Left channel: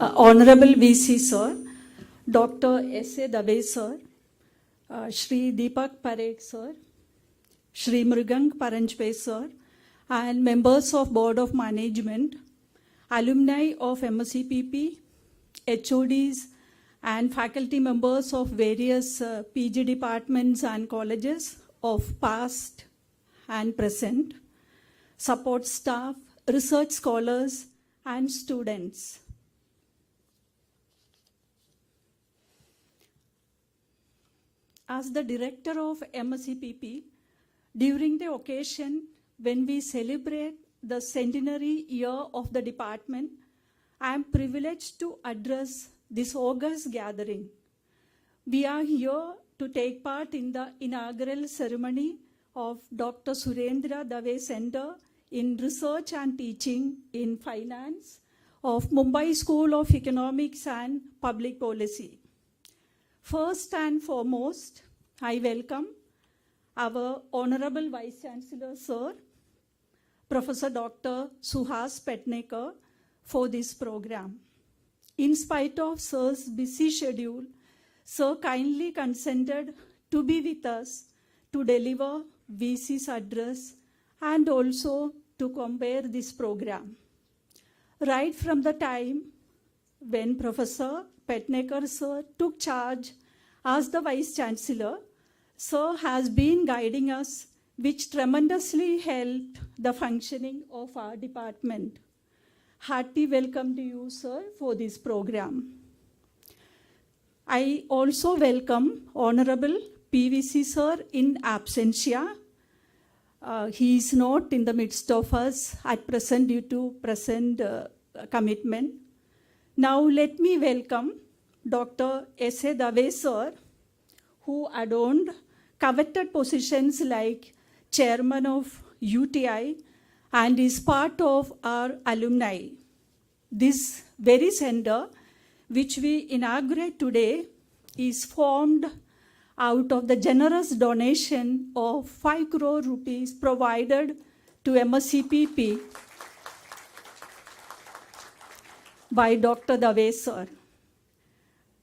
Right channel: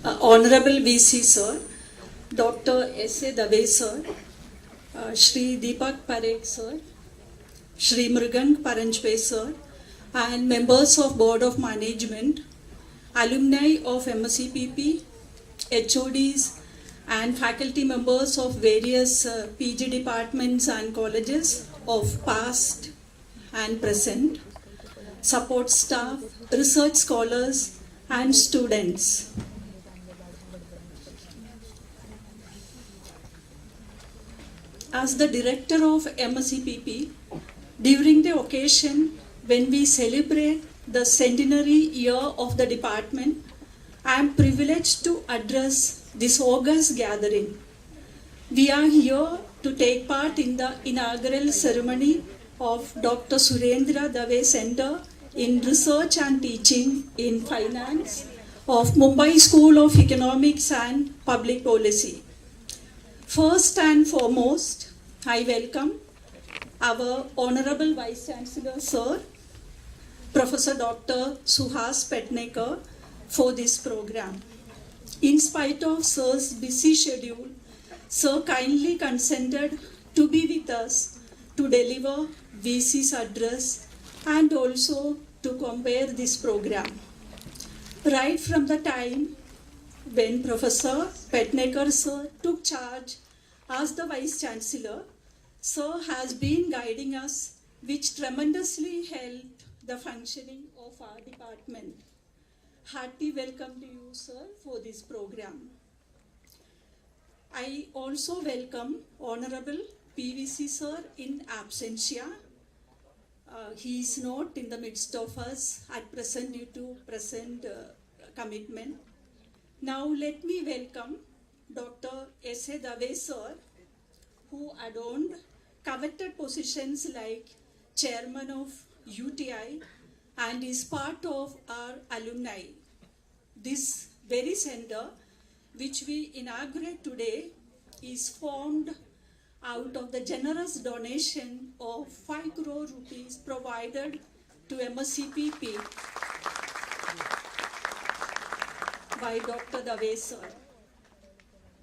Honorable VC Sir, Dr. S.A. Dave Sir, Shri Deepak Parekh Sir, Shri Sir, and members of Board of Management, alumni of MSCPP, HODs, and faculty members of various PG departments and colleges of past and present, support staff, research scholars, and students. As the director of MSCPP, during the occasion when we celebrate the centenary year of the department, I am privileged to address this august gathering. We are here to take part in the inaugural ceremony of Dr. Surendra Dave Center in Research and Teaching in Finance of Mumbai School of Economics and Public Policy. First and foremost, I welcome our Honorable Vice Chancellor Sir, Professor Dr. Suhas Petnekar, for this program. In spite of Sir's busy schedule, Sir kindly consented to be with us to deliver VC's address and also to compare this program. Right from the time when Professor Petnekar Sir took charge as the Vice Chancellor, Sir has been guiding us, which tremendously helped the functioning of our department. Hearty welcome to you, sir, for this program. I also welcome Honorable PVC Sir in absentia. He is not in the midst of us at present due to present commitment. Now let me welcome Dr. S.A. Dave Sir, who adorned coveted positions like Chairman of UTI and is part of our alumni. This very center, which we inaugurate today, is formed out of the generous donation of 5 crore rupees provided to MSCPP by Dr. Dave Sir.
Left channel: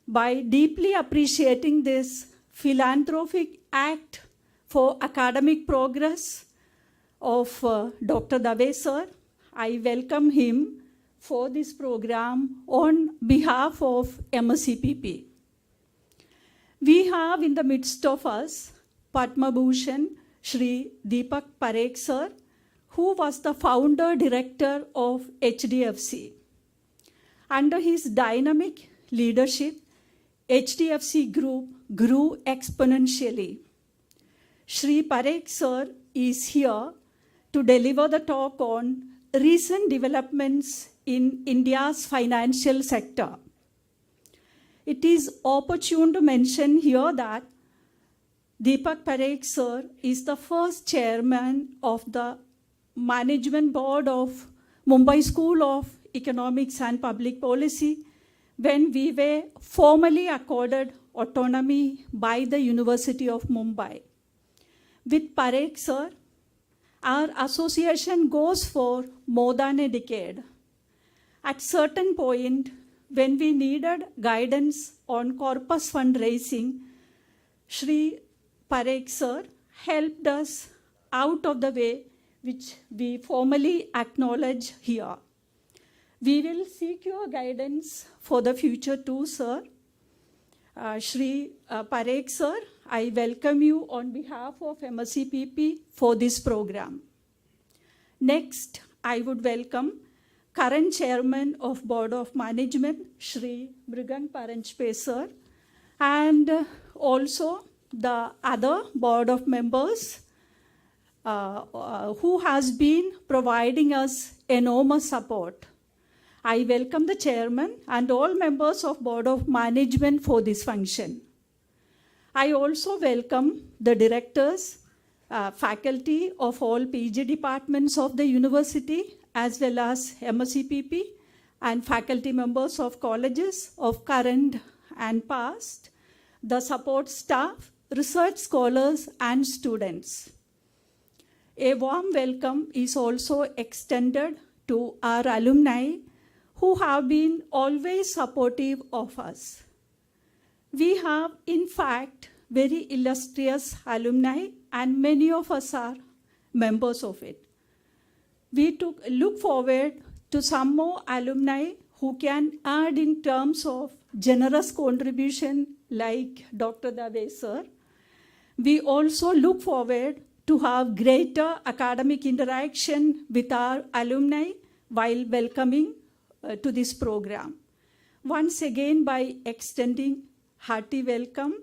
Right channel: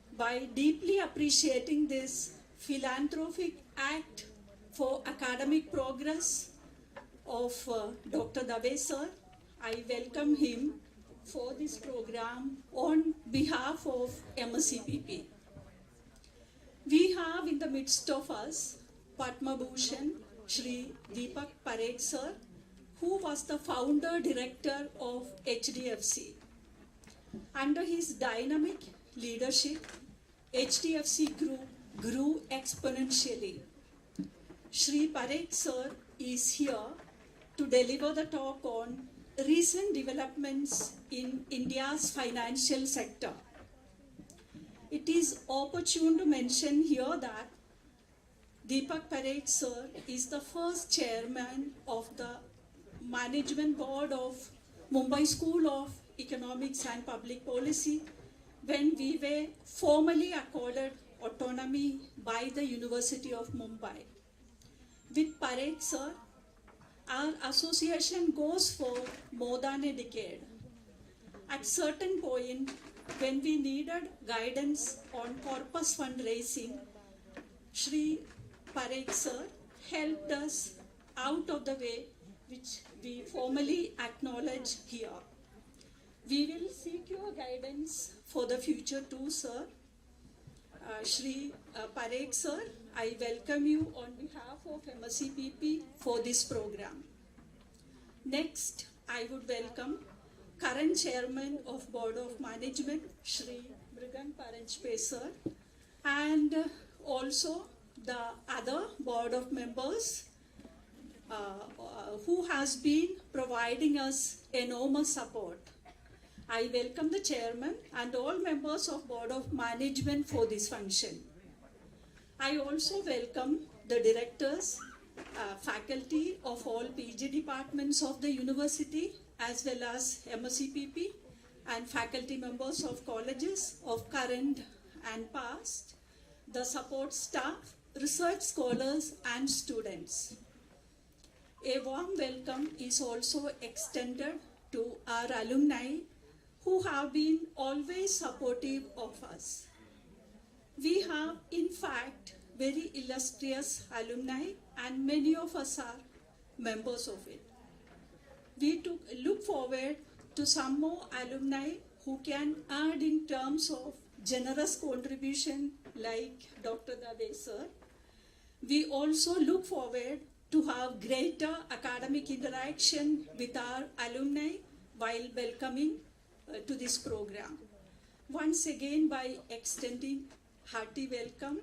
By deeply appreciating this philanthropic act for academic progress of Dr. Dave Sir, I welcome him for this program on behalf of MSCPP. We have in the midst of us Padma Bhushan Shri Deepak Parekh Sir, who was the founder director of HDFC. Under his dynamic leadership, HDFC Group grew exponentially. Shri Parekh Sir is here to deliver the talk on recent developments in India's financial sector. It is opportune to mention here that Deepak Parekh Sir is the first chairman of the management board of Mumbai School of Economics and Public Policy when we were formally accorded autonomy by the University of Mumbai. With Parekh Sir, our association goes for more than a decade. At certain point, when we needed guidance on corpus fundraising, Shri Parekh Sir helped us out of the way, which we formally acknowledge here. We will seek your guidance for the future too, sir. Shri Parekh Sir, I welcome you on behalf of MSCPP for this program. Next, I would welcome current Chairman of Board of Management, Shri Sir, and also the other Board of Members who has been providing us enormous support. I welcome the Chairman and all members of Board of Management for this function. I also welcome the directors, faculty of all PG departments of the university, as well as MSCPP, and faculty members of colleges of current and past, the support staff, research scholars, and students. A warm welcome is also extended to our alumni who have been always supportive of us. We have, in fact, very illustrious alumni, and many of us are members of it. We look forward to some more alumni who can add in terms of generous contribution like Dr. Dave sir. We also look forward to have greater academic interaction with our alumni while welcoming to this program. Once again, by extending hearty welcome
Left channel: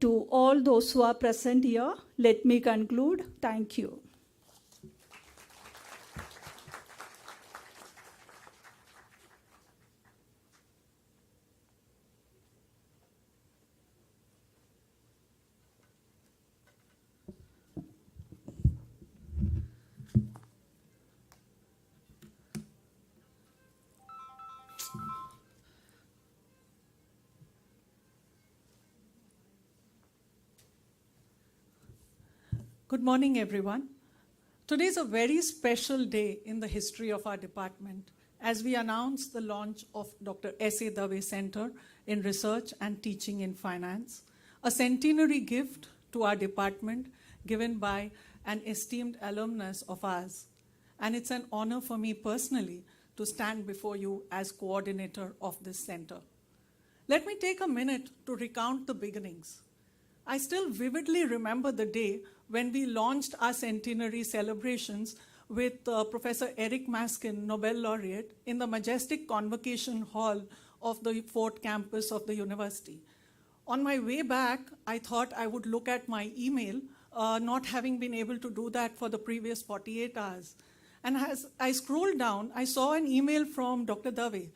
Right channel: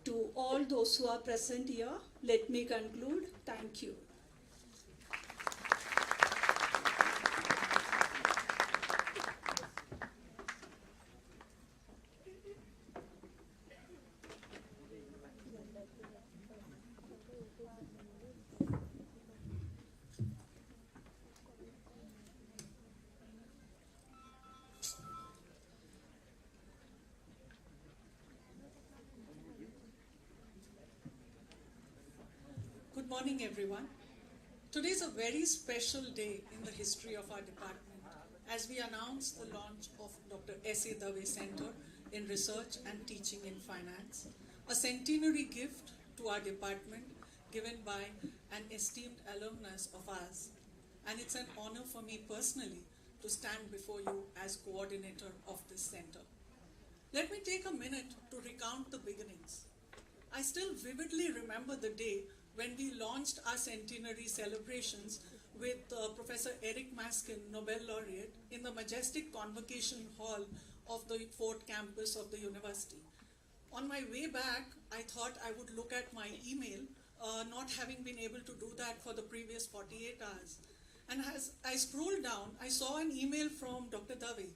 to all those who are present here, let me conclude. Thank you. Good morning, everyone. Today is a very special day in the history of our department as we announce the launch of Dr. S.A. Dave Center in Research and Teaching in Finance, a centenary gift to our department given by an esteemed alumnus of ours. And it's an honor for me personally to stand before you as coordinator of this center. Let me take a minute to recount the beginnings. I still vividly remember the day when we launched our centenary celebrations with Professor Eric Maskin, Nobel laureate, in the majestic convocation hall of the Fort campus of the university. On my way back, I thought I would look at my email, not having been able to do that for the previous 48 hours. And as I scrolled down, I saw an email from Dr. Dave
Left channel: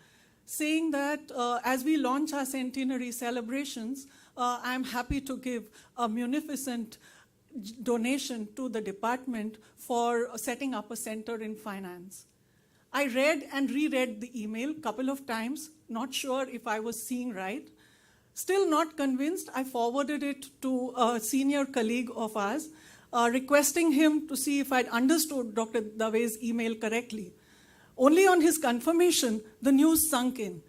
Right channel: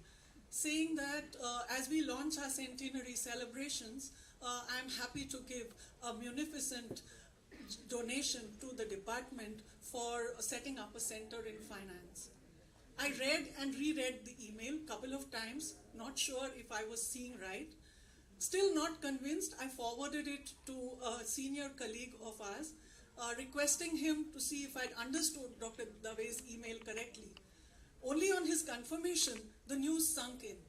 saying that as we launch our centenary celebrations, I'm happy to give a munificent donation to the department for setting up a center in finance. I read and reread the email a couple of times, not sure if I was seeing right. Still not convinced, I forwarded it to a senior colleague of ours, requesting him to see if I'd understood Dr. Dave's email correctly. Only on his confirmation, the news sunk in.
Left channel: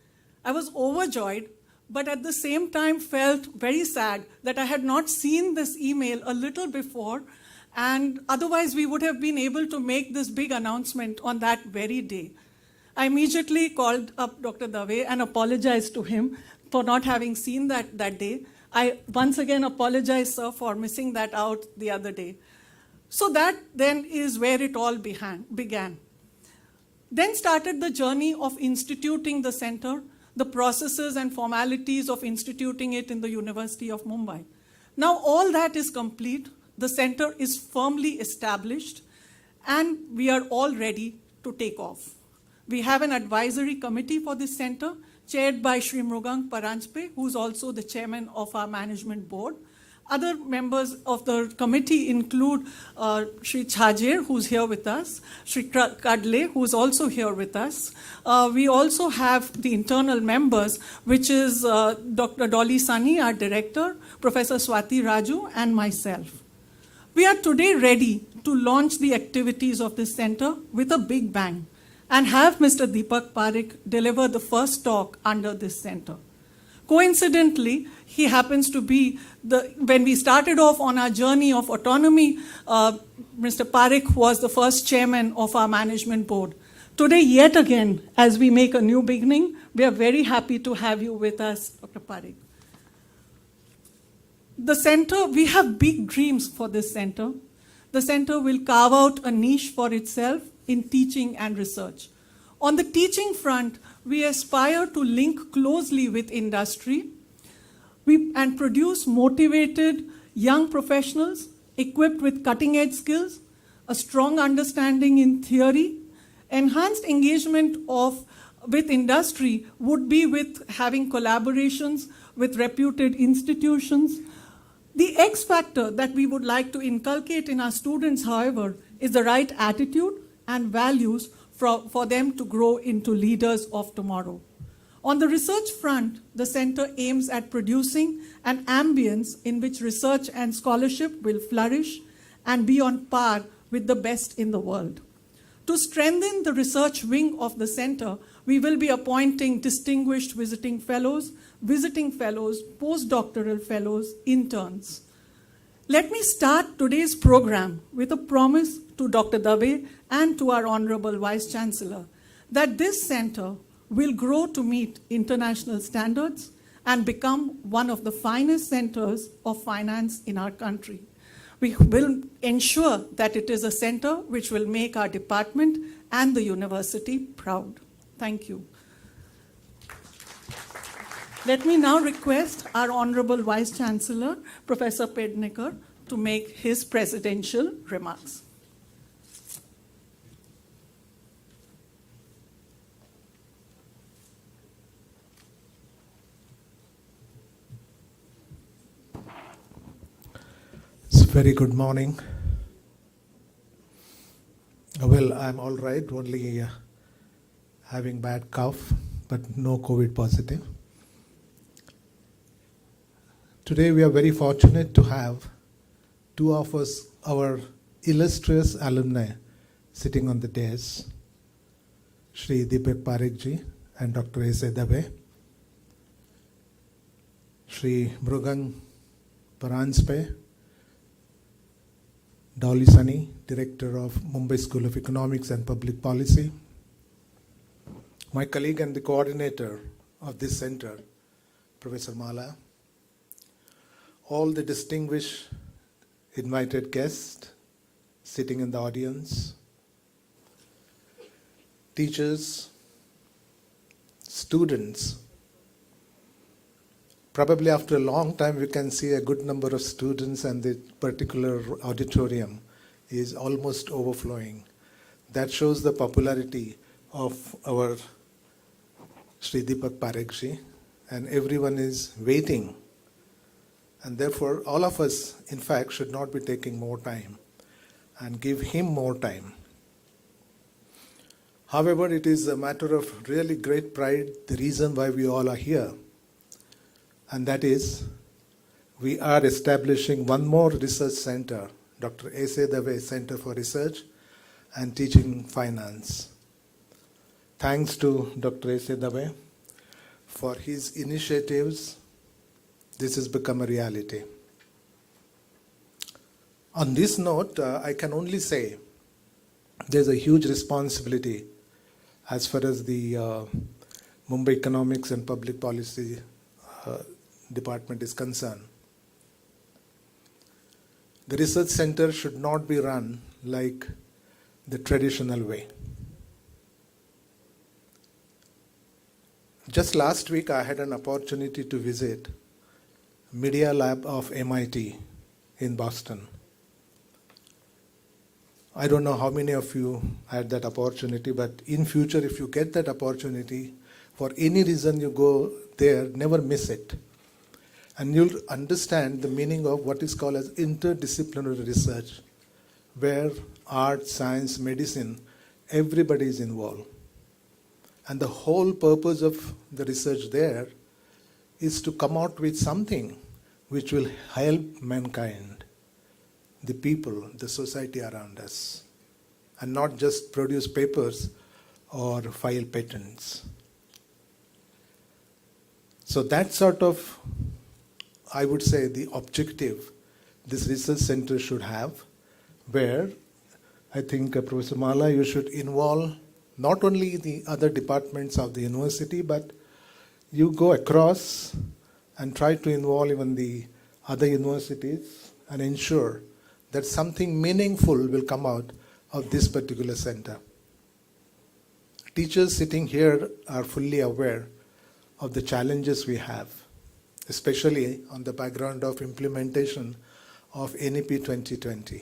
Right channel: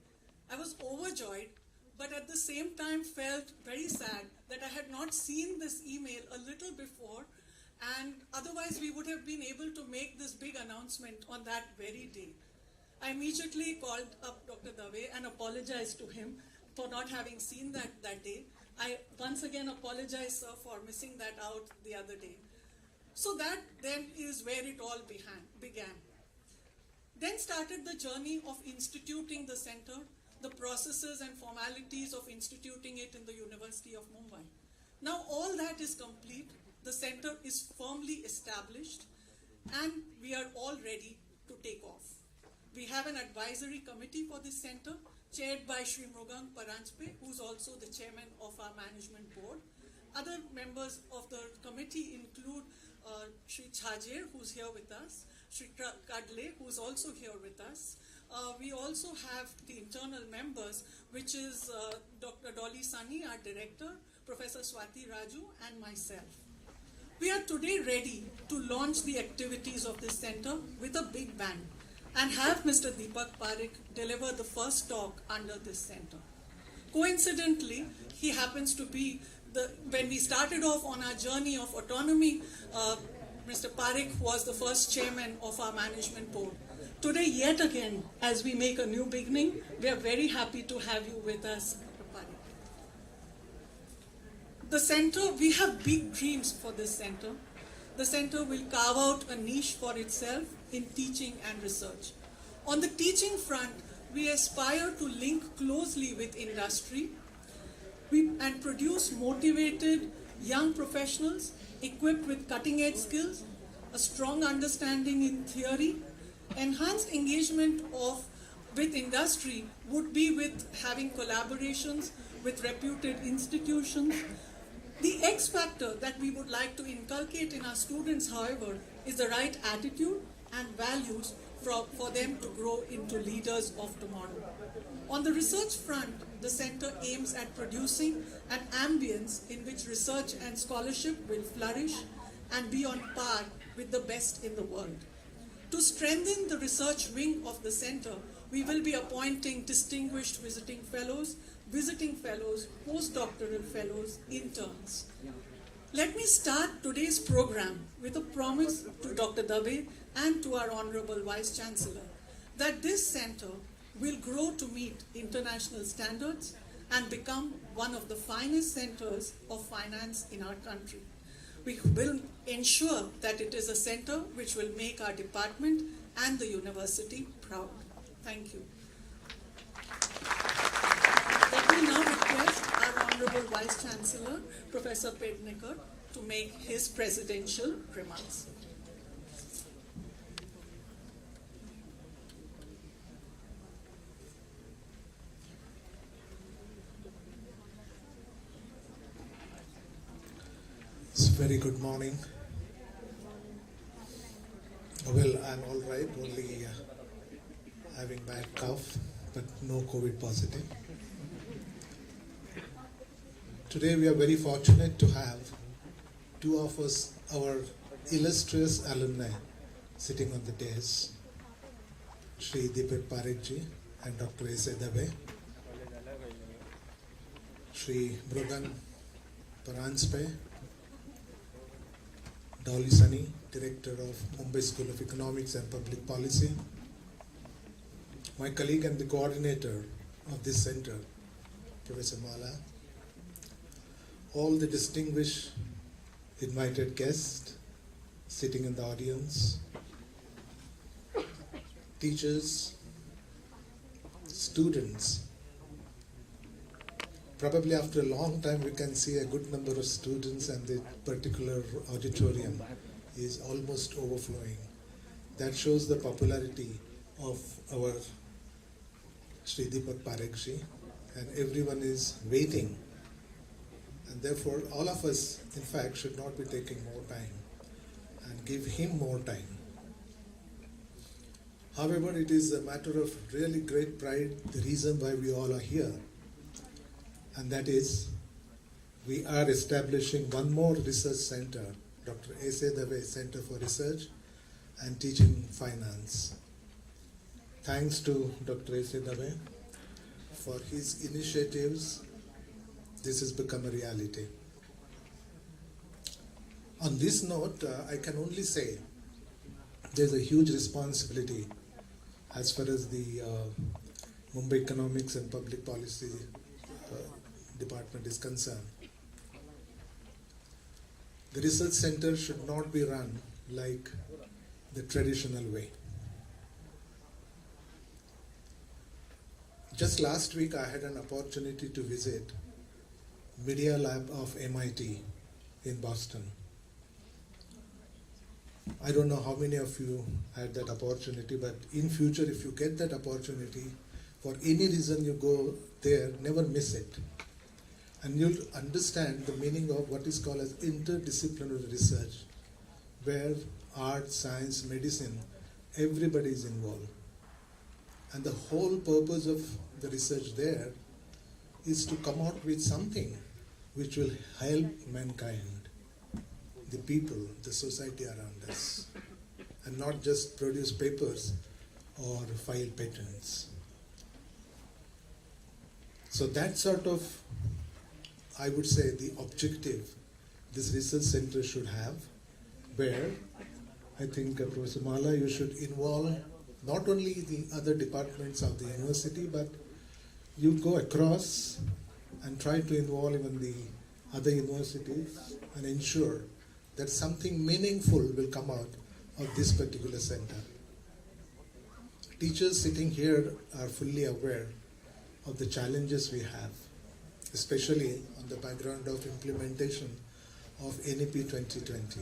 I was overjoyed, but at the same time felt very sad that I had not seen this email a little before, and otherwise we would have been able to make this big announcement on that very day. I immediately called up Dr. Dave and apologized to him for not having seen that day. I once again apologize, sir, for missing that out the other day. So that then is where it all began. Then started the journey of instituting the center, the processes and formalities of instituting it in the University of Mumbai. Now all that is complete, the center is firmly established, and we are all ready to take off. We have an advisory committee for this center, chaired by Shri Parekh, who's also the chairman of our management board. Other members of the committee include Shri Chhajer, who's here with us, Shri Kadle, who's also here with us. We also have the internal members, which is Dr. Dolly Sunny, our director, Professor Swati Raju, and myself. We are today ready to launch the activities of this center with a big bang and have Mr. Deepak Parekh deliver the first talk under this center. Coincidentally, he happens to be when we started off on our journey of autonomy, Mr. Parekh was the first chairman of our management board. Today, yet again, as we make a new beginning, we are very happy to have you with us, Dr. Parekh. The center, we have big dreams for this center. The center will carve out a niche for itself in teaching and research. On the teaching front, we aspire to link closely with industry and produce motivated young professionals equipped with cutting-edge skills, a strong understanding in theory. Enhanced engagement with industry would be with having collaborations with reputed institutions. The X factor that we would like to inculcate in our students, however, is the right attitude and values for them to grow into leaders of tomorrow. On the research front, the center aims at producing an ambience in which research and scholarship will flourish and be on par with the best in the world. To strengthen the research wing of the center, we will be appointing distinguished visiting fellows, postdoctoral fellows, interns. Let me start today's program with a promise to Dr. Dave and to our Honorable Vice Chancellor that this center will grow to meet international standards and become one of the finest centers of finance in our country. We will ensure that it is a center which will make our department and the university proud. Thank you. Let me now request our Honorable Vice Chancellor, Professor Parekh, to make his presidential remarks. Very good morning. Well, I'm all right, only having bad cough, but no COVID positive. Today we are very fortunate to have two of us, our illustrious alumni, sitting on the dais, Shri Deepak Parekh and Dr. S. Dave, Shri Mrugan Paranspe, Dolly Sunny, Director of Mumbai School of Economics and Public Policy, my colleague and the coordinator of this center, Professor Mala, all the distinguished invited guests sitting in the audience, teachers, students. Probably after a long time we can see a good number of students, and the particular auditorium is almost overflowing. That shows the popularity of our Shri Deepak Parekh, and everyone is waiting. And therefore, all of us, in fact, should not be taking more time and give him more time. However, it is a matter of really great pride, the reason why we all are here. And that is, we are establishing one more research center, Dr. S. Dave Center for Research and Teaching Finance. Thanks to Dr. S. Dave for his initiatives, this has become a reality. On this note, I can only say there's a huge responsibility as far as the Mumbai Economics and Public Policy Department is concerned. The research center should not be run like the traditional way. Just last week, I had an opportunity to visit Media Lab of MIT in Boston. I don't know how many of you had that opportunity, but in future, if you get that opportunity, for any reason you go there, never miss it. And you'll understand the meaning of what is called as interdisciplinary research, where art, science, medicine, everybody is involved. And the whole purpose of the research there is to come out with something which will help mankind, the people, the society around us, and not just produce papers or file patents. So that sort of, I would say, the objective this research center should have, where I think Professor Mala, you should involve not only the other departments of the university, but you go across and try to involve even the other universities and ensure that something meaningful will come out of this particular center. Teachers sitting here are fully aware of the challenges we have, especially on the background of implementation of NEP 2020.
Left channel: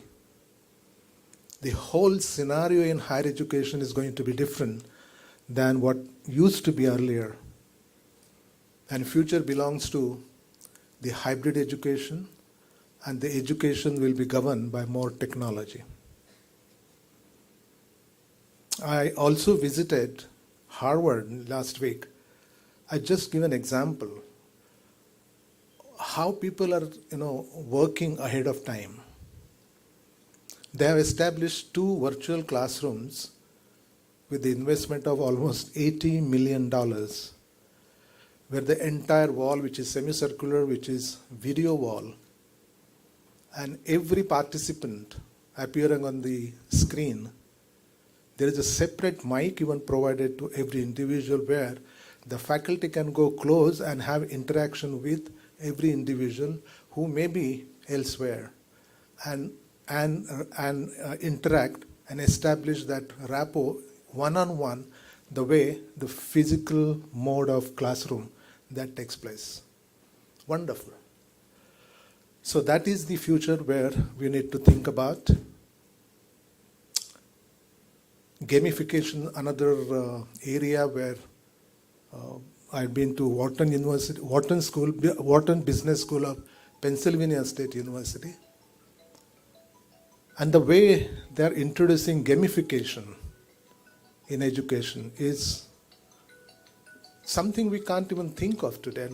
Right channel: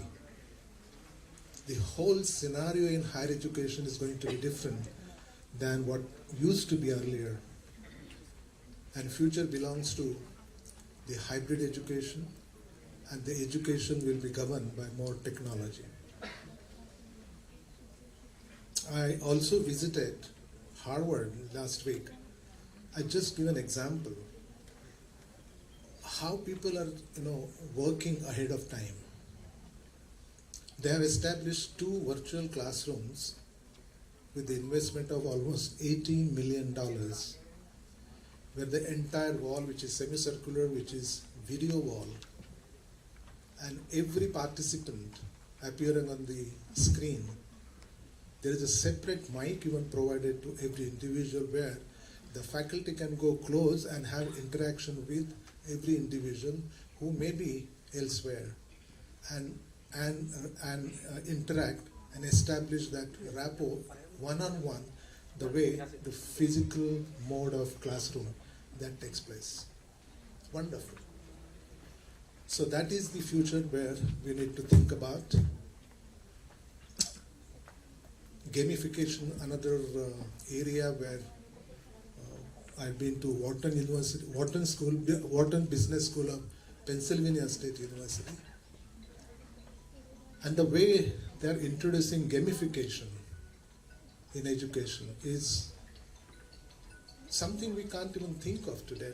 The whole scenario in higher education is going to be different than what used to be earlier. And future belongs to the hybrid education, and the education will be governed by more technology. I also visited Harvard last week. I just give an example how people are, working ahead of time. They have established 2 virtual classrooms with the investment of almost $80 million, where the entire wall, which is semicircular, which is video wall, and every participant appearing on the screen, there is a separate mic even provided to every individual where the faculty can go close and have interaction with every individual who may be elsewhere and interact and establish that rapport one-on-one the way the physical mode of classroom that takes place. Wonderful. So that is the future where we need to think about. Gamification, another area where I've been to Wharton University, Wharton Business School of Pennsylvania State University. And the way they're introducing gamification in education is something we can't even think of today.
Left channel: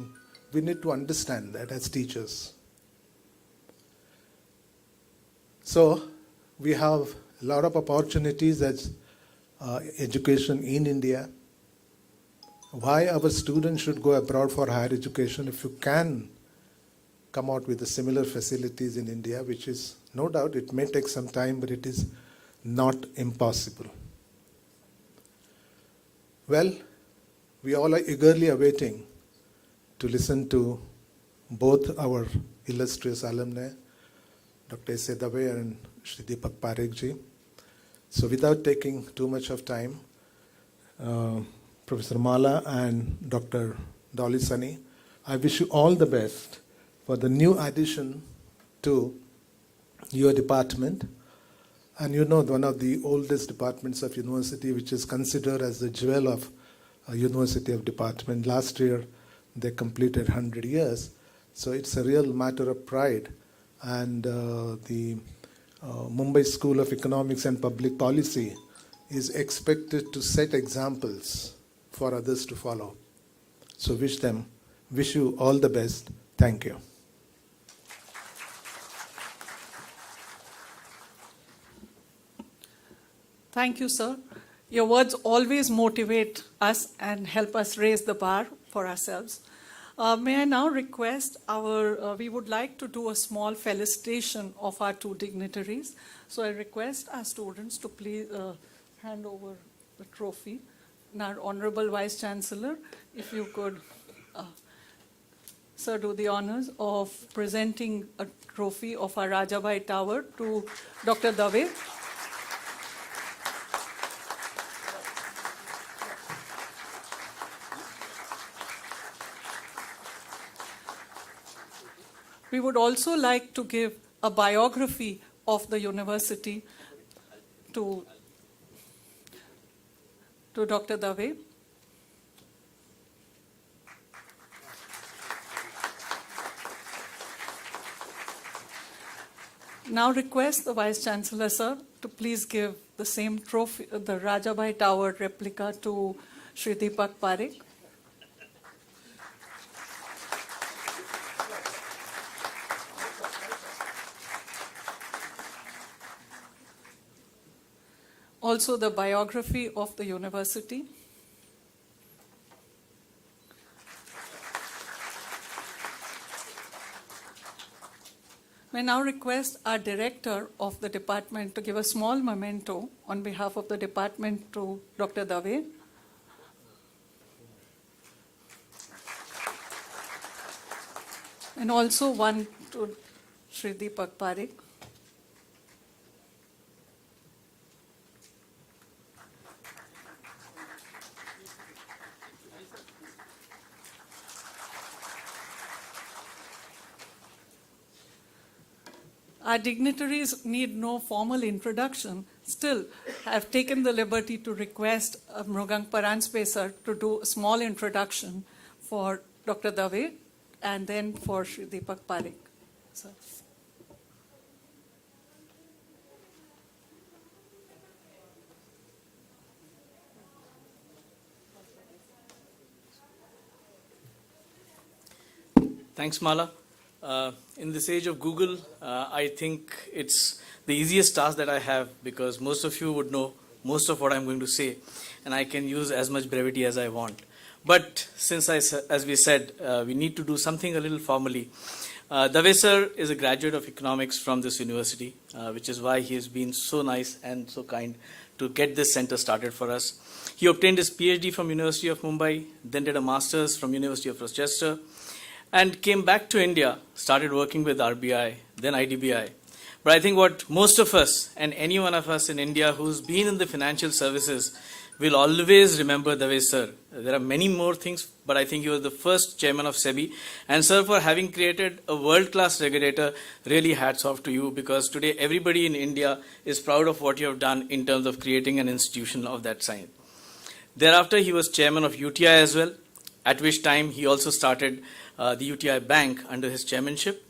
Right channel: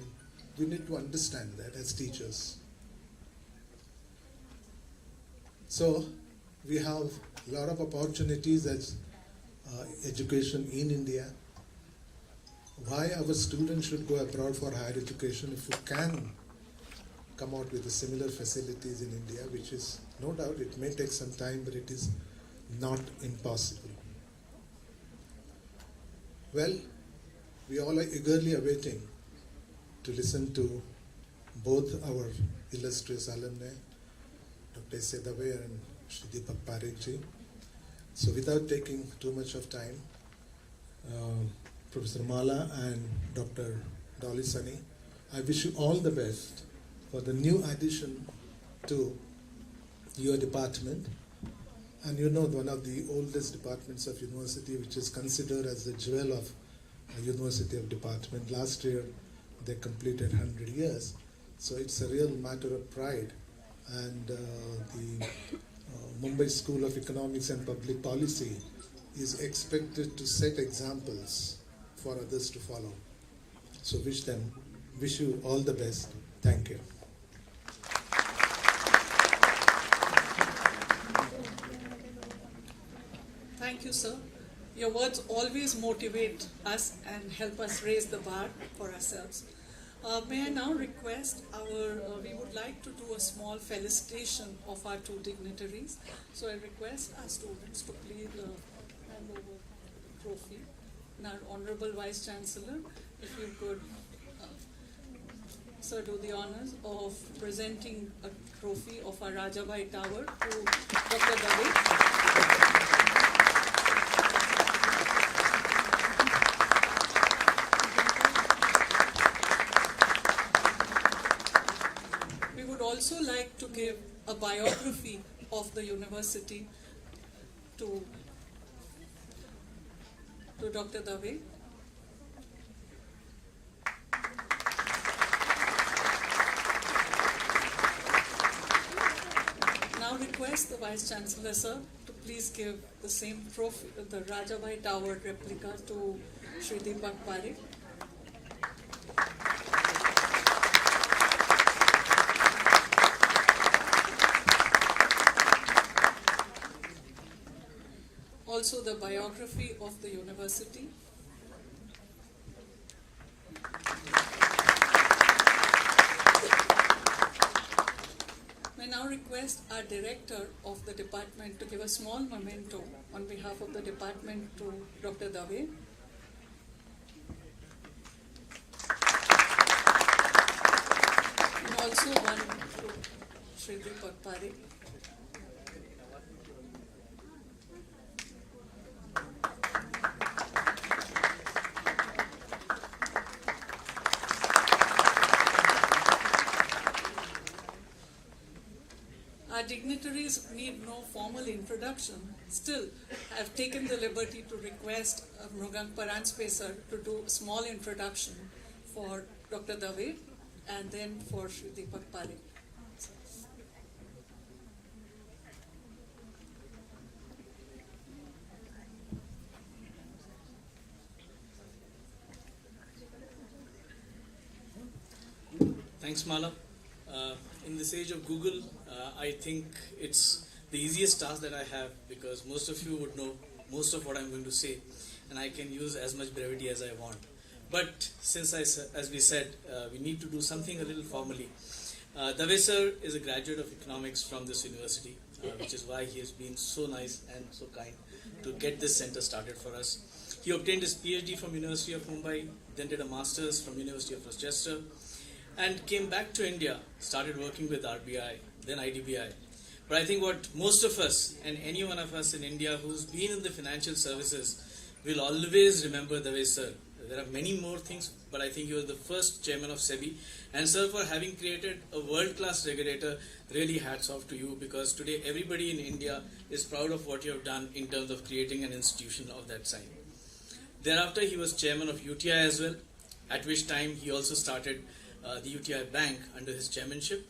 We need to understand that as teachers. So we have a lot of opportunities as education in India. Why our students should go abroad for higher education if you can come out with the similar facilities in India, which is, no doubt, it may take some time, but it is not impossible. Well, we all are eagerly awaiting to listen to both our illustrious alumni, Dr. S.A. Dave and Shri Deepak Parekh ji. So without taking too much of time, Professor Mala and Dr. Dolly Sunny, I wish you all the best for the new addition to your department. And you know, one of the oldest departments of university, which is considered as the jewel of a university of department. Last year, they completed 100 years. So it's a real matter of pride. And the Mumbai School of Economics and Public Policy is expected to set examples for others to follow. So wish you all the best. Thank you. Thank you, sir. Your words always motivate us and help us raise the bar for ourselves. May I now request we would like to do a small felicitation of our two dignitaries. So I request our students to please hand over the trophy. And our Honorable Vice Chancellor, if you could, sir, do the honors of presenting a trophy of our Rajabai Tower to Dr. Dave. We would also like to give a biography of the university to Dr. Dave. Now request the Vice Chancellor, sir, to please give the same trophy, the Rajabai Tower replica to Shri Deepak Parekh. Also the biography of the university. May now request our director of the department to give a small memento on behalf of the department to Dr. Dave. And also one to Shri Deepak Parekh. Our dignitaries need no formal introduction. Still, I've taken the liberty to request Mrugang Paranspeser to do a small introduction for Dr. Dave and then for Shri Deepak Parekh. So. Thanks, Mala. In this age of Google, I think it's the easiest task that I have because most of you would know most of what I'm going to say, and I can use as much brevity as I want. But since as we said, we need to do something a little formally. Dave sir is a graduate of economics from this university, which is why he has been so nice and so kind to get this center started for us. He obtained his PhD from University of Mumbai, then did a master's from University of Rochester, and came back to India, started working with RBI, then IDBI. But I think what most of us and any one of us in India who's been in the financial services will always remember Dave sir. There are many more things, but I think he was the first chairman of SEBI. And sir, for having created a world-class regulator, really hats off to you, because today everybody in India is proud of what you have done in terms of creating an institution of that kind. Thereafter, he was chairman of UTI as well, at which time he also started the UTI Bank under his chairmanship.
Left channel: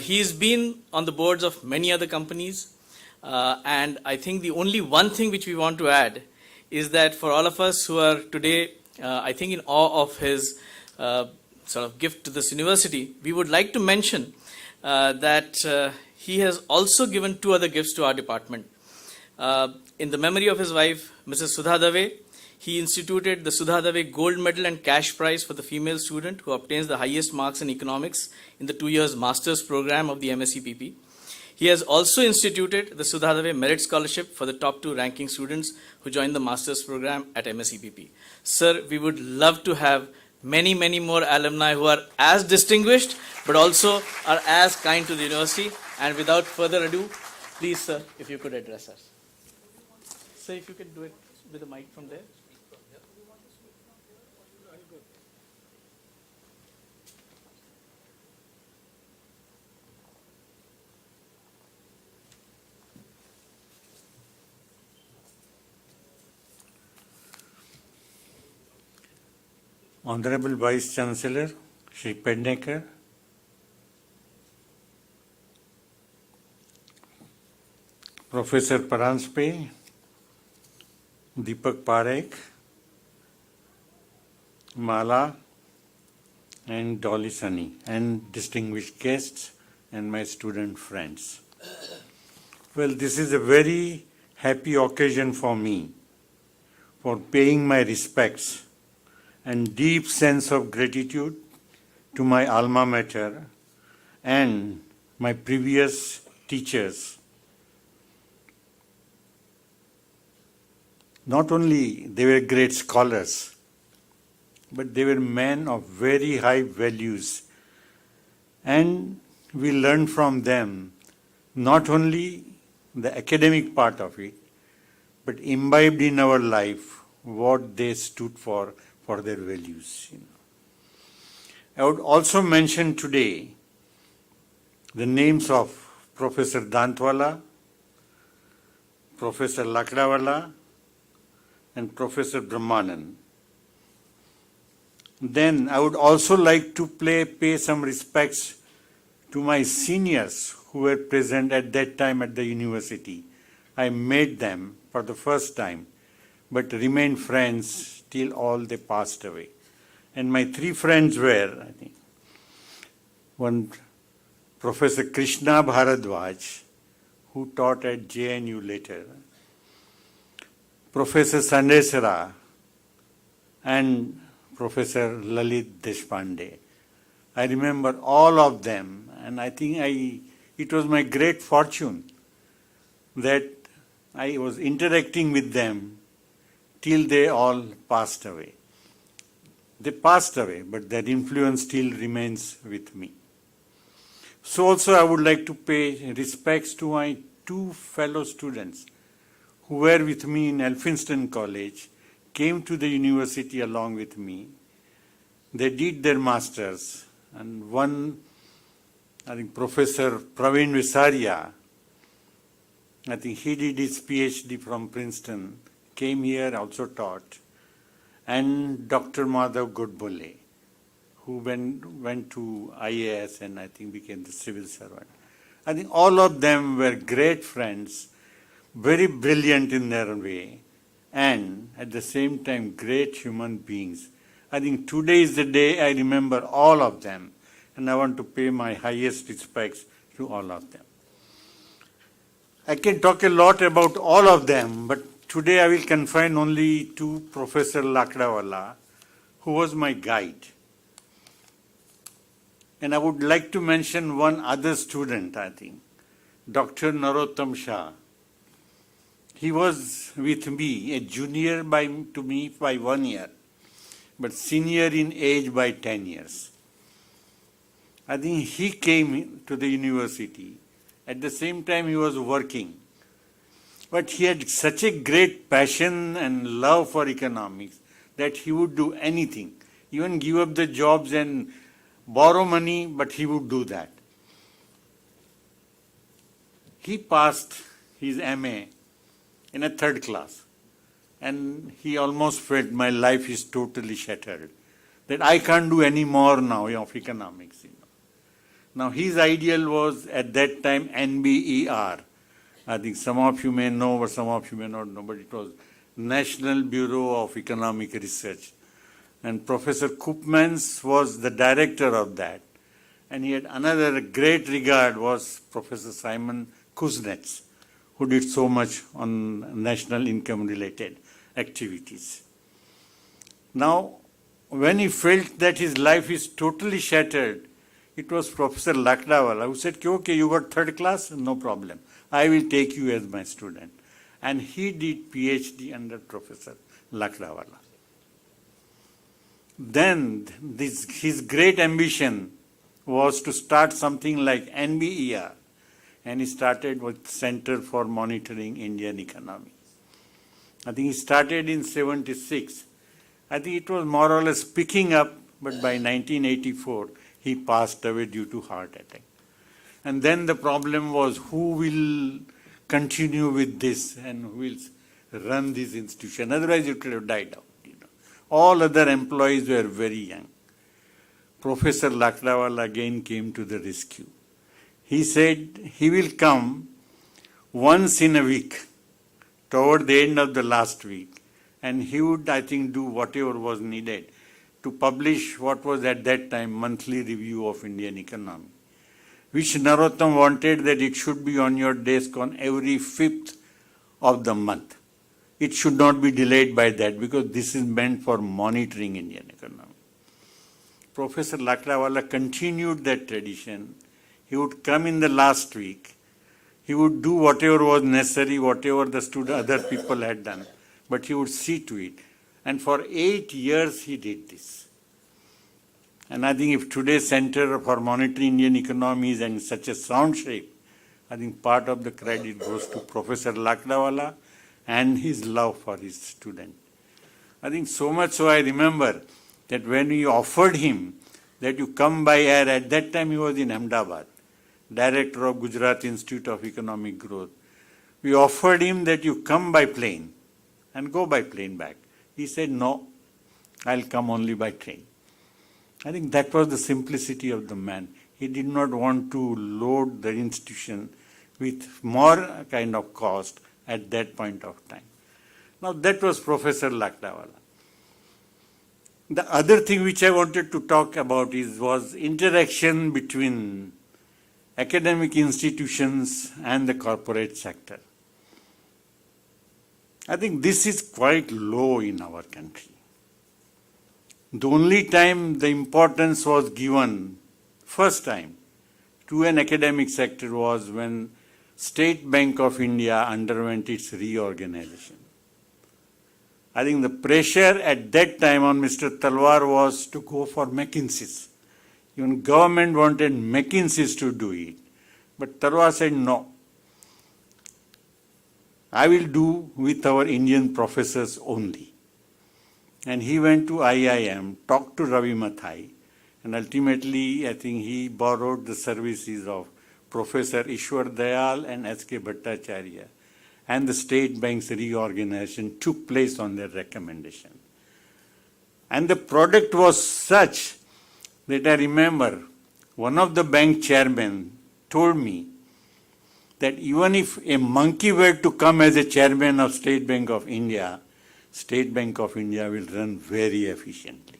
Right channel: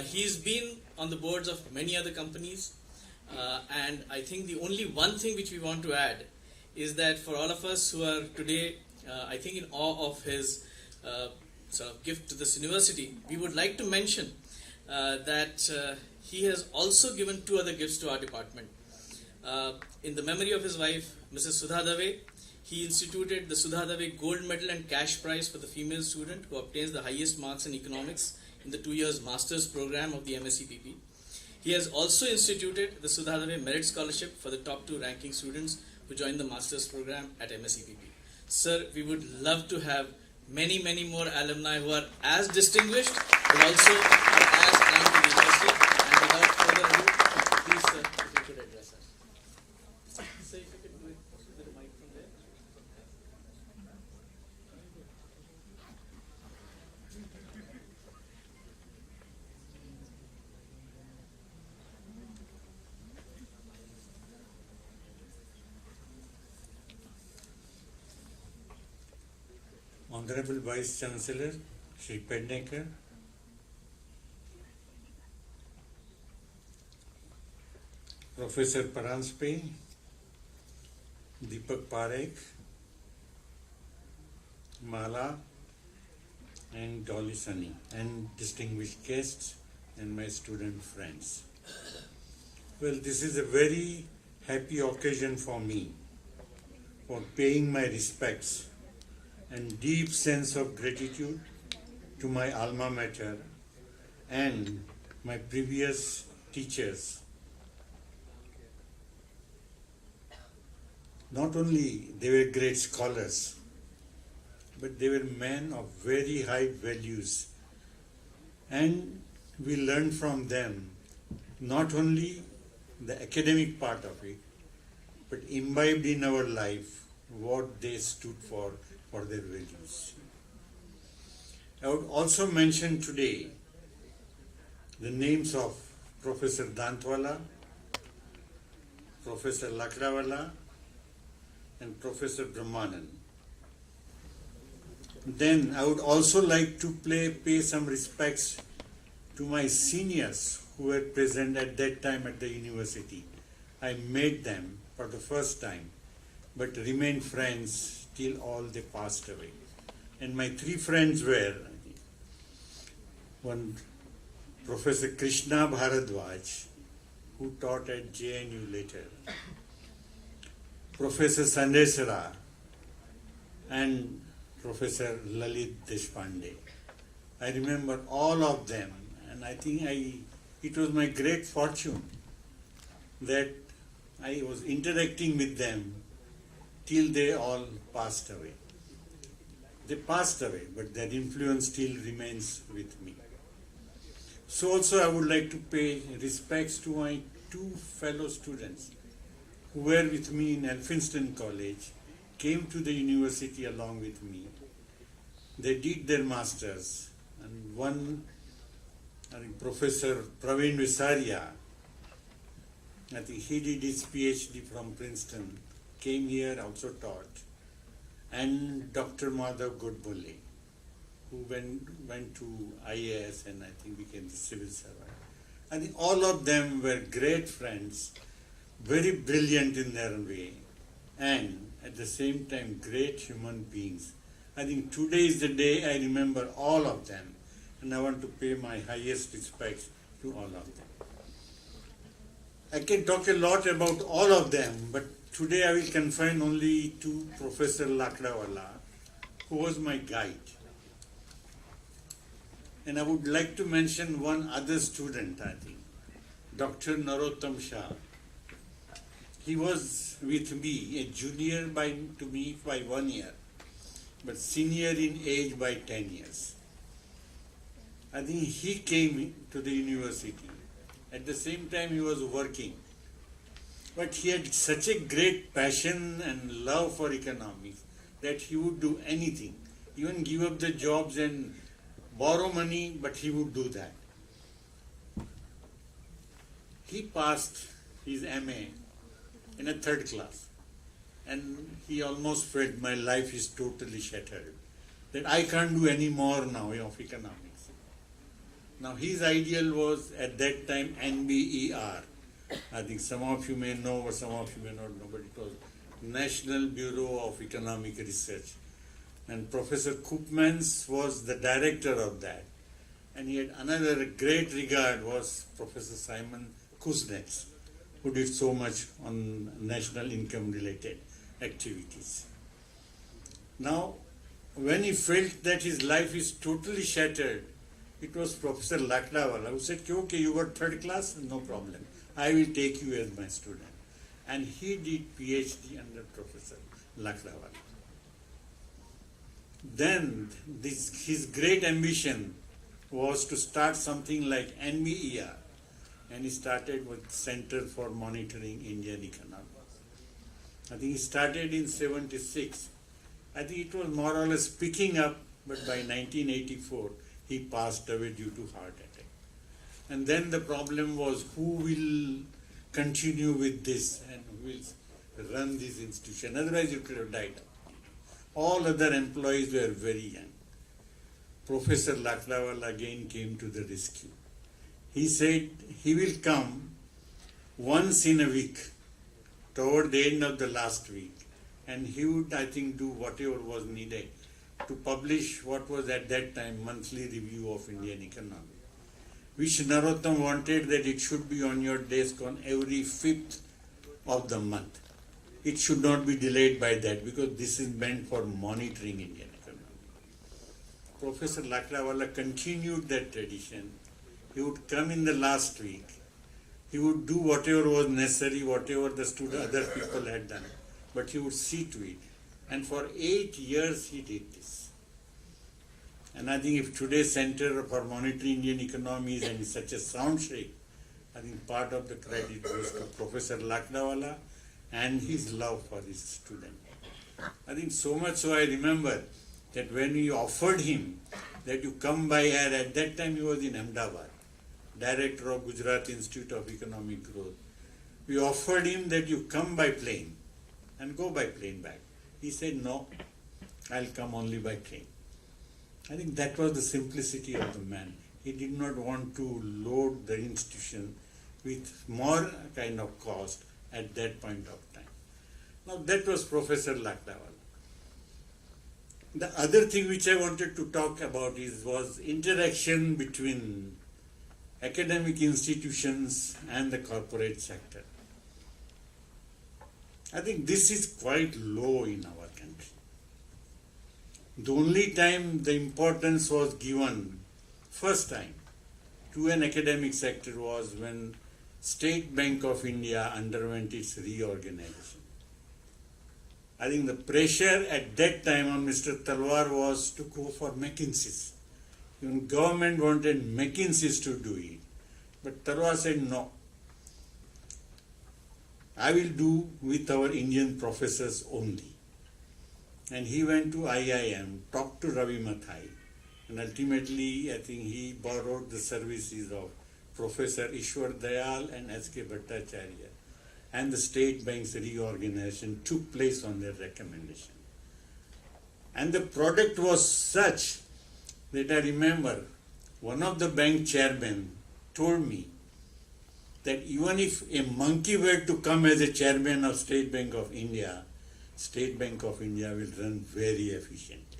He's been on the boards of many other companies, and I think the only one thing which we want to add is that for all of us who are today, I think in awe of his sort of gift to this university, we would like to mention that he has also given 2 other gifts to our department. In the memory of his wife, Mrs. Sudha Dave, he instituted the Sudha Dave Gold Medal and Cash Prize for the female student who obtains the highest marks in economics in the 2 years master's program of the MSc-PP. He has also instituted the Sudha Dave Merit Scholarship for the top 2 ranking students who joined the master's program at MSc-PP. Sir, we would love to have many, many more alumni who are as distinguished but also are as kind to the university. And without further ado, please, sir, if you could address us. Sir, if you could do it with the mic from there. Honorable Vice Chancellor, Shri Parekh, Professor Paranspe, Deepak Parekh, Mala, and Dolly Sunny, and distinguished guests and my student friends. Well, this is a very happy occasion for me for paying my respects and deep sense of gratitude to my alma mater and my previous teachers. Not only they were great scholars, but they were men of very high values, and we learned from them not only the academic part of it, but imbibed in our life what they stood for their values. I would also mention today the names of Professor Dantwala, Professor Lakdawala, and Professor Brahmanand. Then I would also like to pay some respects to my seniors who were present at that time at the university. I met them for the first time, but remained friends till all they passed away. And my 3 friends were, one Professor Krishna Bharadwaj, who taught at JNU later, Professor Sandesara, and Professor Lalit Deshpande. I remember all of them, and I think it was my great fortune that I was interacting with them till they all passed away. They passed away, but their influence still remains with me. So also I would like to pay respects to my 2 fellow students who were with me in Elphinstone College, came to the university along with me. They did their masters, and one, I think Professor Praveen Visaria, I think he did his PhD from Princeton, came here, also taught, and Dr. Madhav Godbole, who went to IAS and I think became the civil servant. I think all of them were great friends, very brilliant in their way, and at the same time great human beings. I think today is the day I remember all of them, and I want to pay my highest respects to all of them. I can talk a lot about all of them, but today I will confine only to Professor Lakdawala, who was my guide. And I would like to mention one other student, I think, Dr. Narottam Shah. He was with me, a junior to me by 1 year, but senior in age by 10 years. I think he came to the university. At the same time, he was working. But he had such a great passion and love for economics that he would do anything, even give up the jobs and borrow money, but he would do that. He passed his MA in a 3rd class, and he almost felt my life is totally shattered, that I can't do any more now of economics. Now his ideal was at that time NBER. I think some of you may know, but some of you may not know, but it was National Bureau of Economic Research. And Professor Koopmans was the director of that. And he had another great regard was Professor Simon Kuznets, who did so much on national income related activities. Now, when he felt that his life is totally shattered, it was Professor Lakdawala who said, okay, you got 3rd class? No problem. I will take you as my student. And he did PhD under Professor Lakdawala. Then his great ambition was to start something like NBER, and he started with Center for Monitoring Indian Economy. I think he started in 76. I think it was more or less picking up, but by 1984 he passed away due to heart attack. And then the problem was who will continue with this and who will run this institution. Otherwise it would have died out. All other employees were very young. Professor Lakdawala again came to the rescue. He said he will come once in a week, toward the end of the last week, and he would, I think, do whatever was needed to publish what was at that time monthly review of Indian economy, which Narottam wanted that it should be on your desk on every 5th of the month. It should not be delayed by that because this is meant for monitoring Indian economy. Professor Lakdawala continued that tradition. He would come in the last week. He would do whatever was necessary, whatever the other people had done, but he would see to it. And for 8 years he did this. And I think if today's Center for Monitoring Indian Economy is in such a sound shape, I think part of the credit goes to Professor Lakdawala and his love for his student. I think so much so I remember that when we offered him that you come by air, at that time he was in Ahmedabad, director of Gujarat Institute of Economic Growth. We offered him that you come by plane and go by plane back. He said, no, I'll come only by train. I think that was the simplicity of the man. He did not want to load the institution with more kind of cost at that point of time. Now that was Professor Lakdawala. The other thing which I wanted to talk about was interaction between academic institutions and the corporate sector. I think this is quite low in our country. The only time the importance was given, first time, to an academic sector was when State Bank of India underwent its reorganization. I think the pressure at that time on Mr. Talwar was to go for McKinsey's. Even government wanted McKinsey's to do it. But Talwar said no. I will do with our Indian professors only. And he went to IIM, talked to Ravi Mathai, and ultimately I think he borrowed the services of Professor Ishwar Dayal and S.K. Bhattacharya, and the State Bank's reorganization took place on their recommendation. And the product was such that I remember one of the bank chairmen told me that even if a monkey were to come as a chairman of State Bank of India will run very efficiently.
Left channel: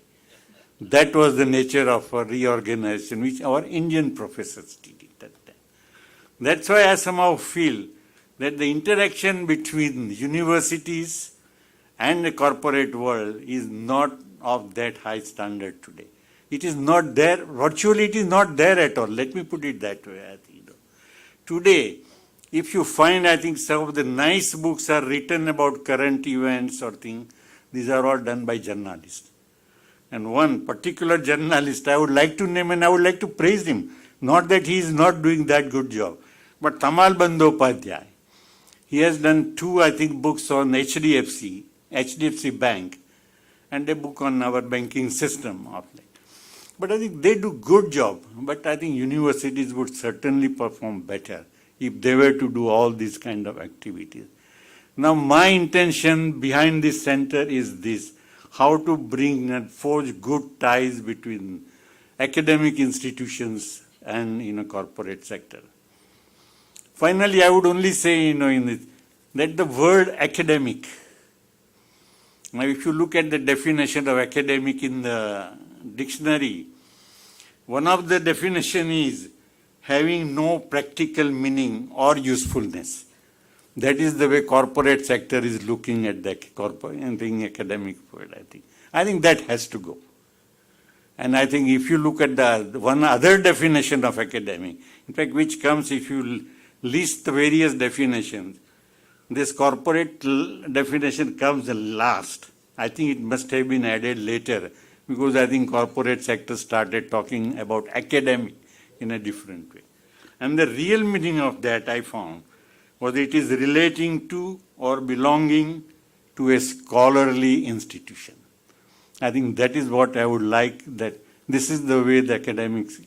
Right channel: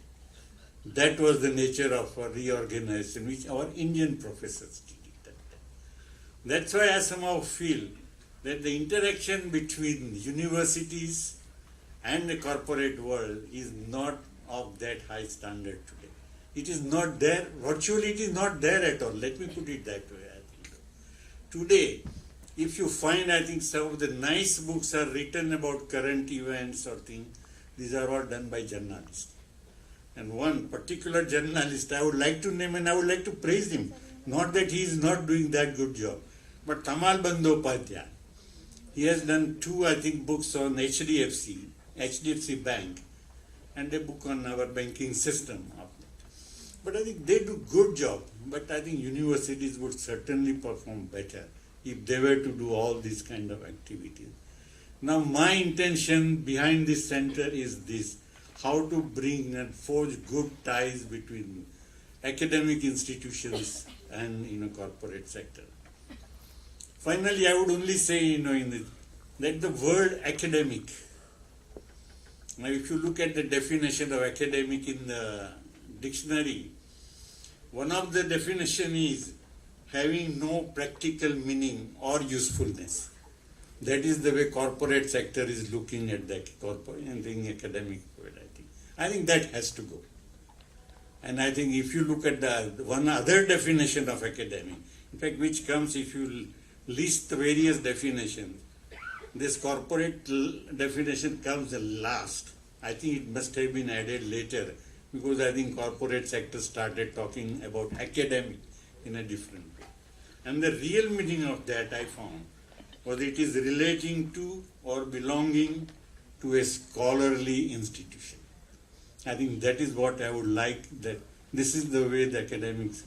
That was the nature of a reorganization which our Indian professors did at that time. That's why I somehow feel that the interaction between universities and the corporate world is not of that high standard today. It is not there, virtually it is not there at all. Let me put it that way, I think. Today, if you find, I think some of the nice books are written about current events or things, these are all done by journalists. And one particular journalist I would like to name and I would like to praise him. Not that he is not doing that good job, but Tamal Bandyopadhyay. He has done 2, I think, books on HDFC Bank, and a book on our banking system of it. But I think they do good job. But I think universities would certainly perform better if they were to do all these kind of activities. Now my intention behind this center is this: how to bring and forge good ties between academic institutions and corporate sector. Finally, I would only say that the word academic. Now, if you look at the definition of academic in the dictionary, one of the definition is having no practical meaning or usefulness. That is the way corporate sector is looking at the academic world, I think. I think that has to go. And I think if you look at the one other definition of academic, in fact, which comes if you list the various definitions, this corporate definition comes last. I think it must have been added later because I think corporate sector started talking about academic in a different way. And the real meaning of that I found was it is relating to or belonging to a scholarly institution. I think that is what I would like, that this is the way the academics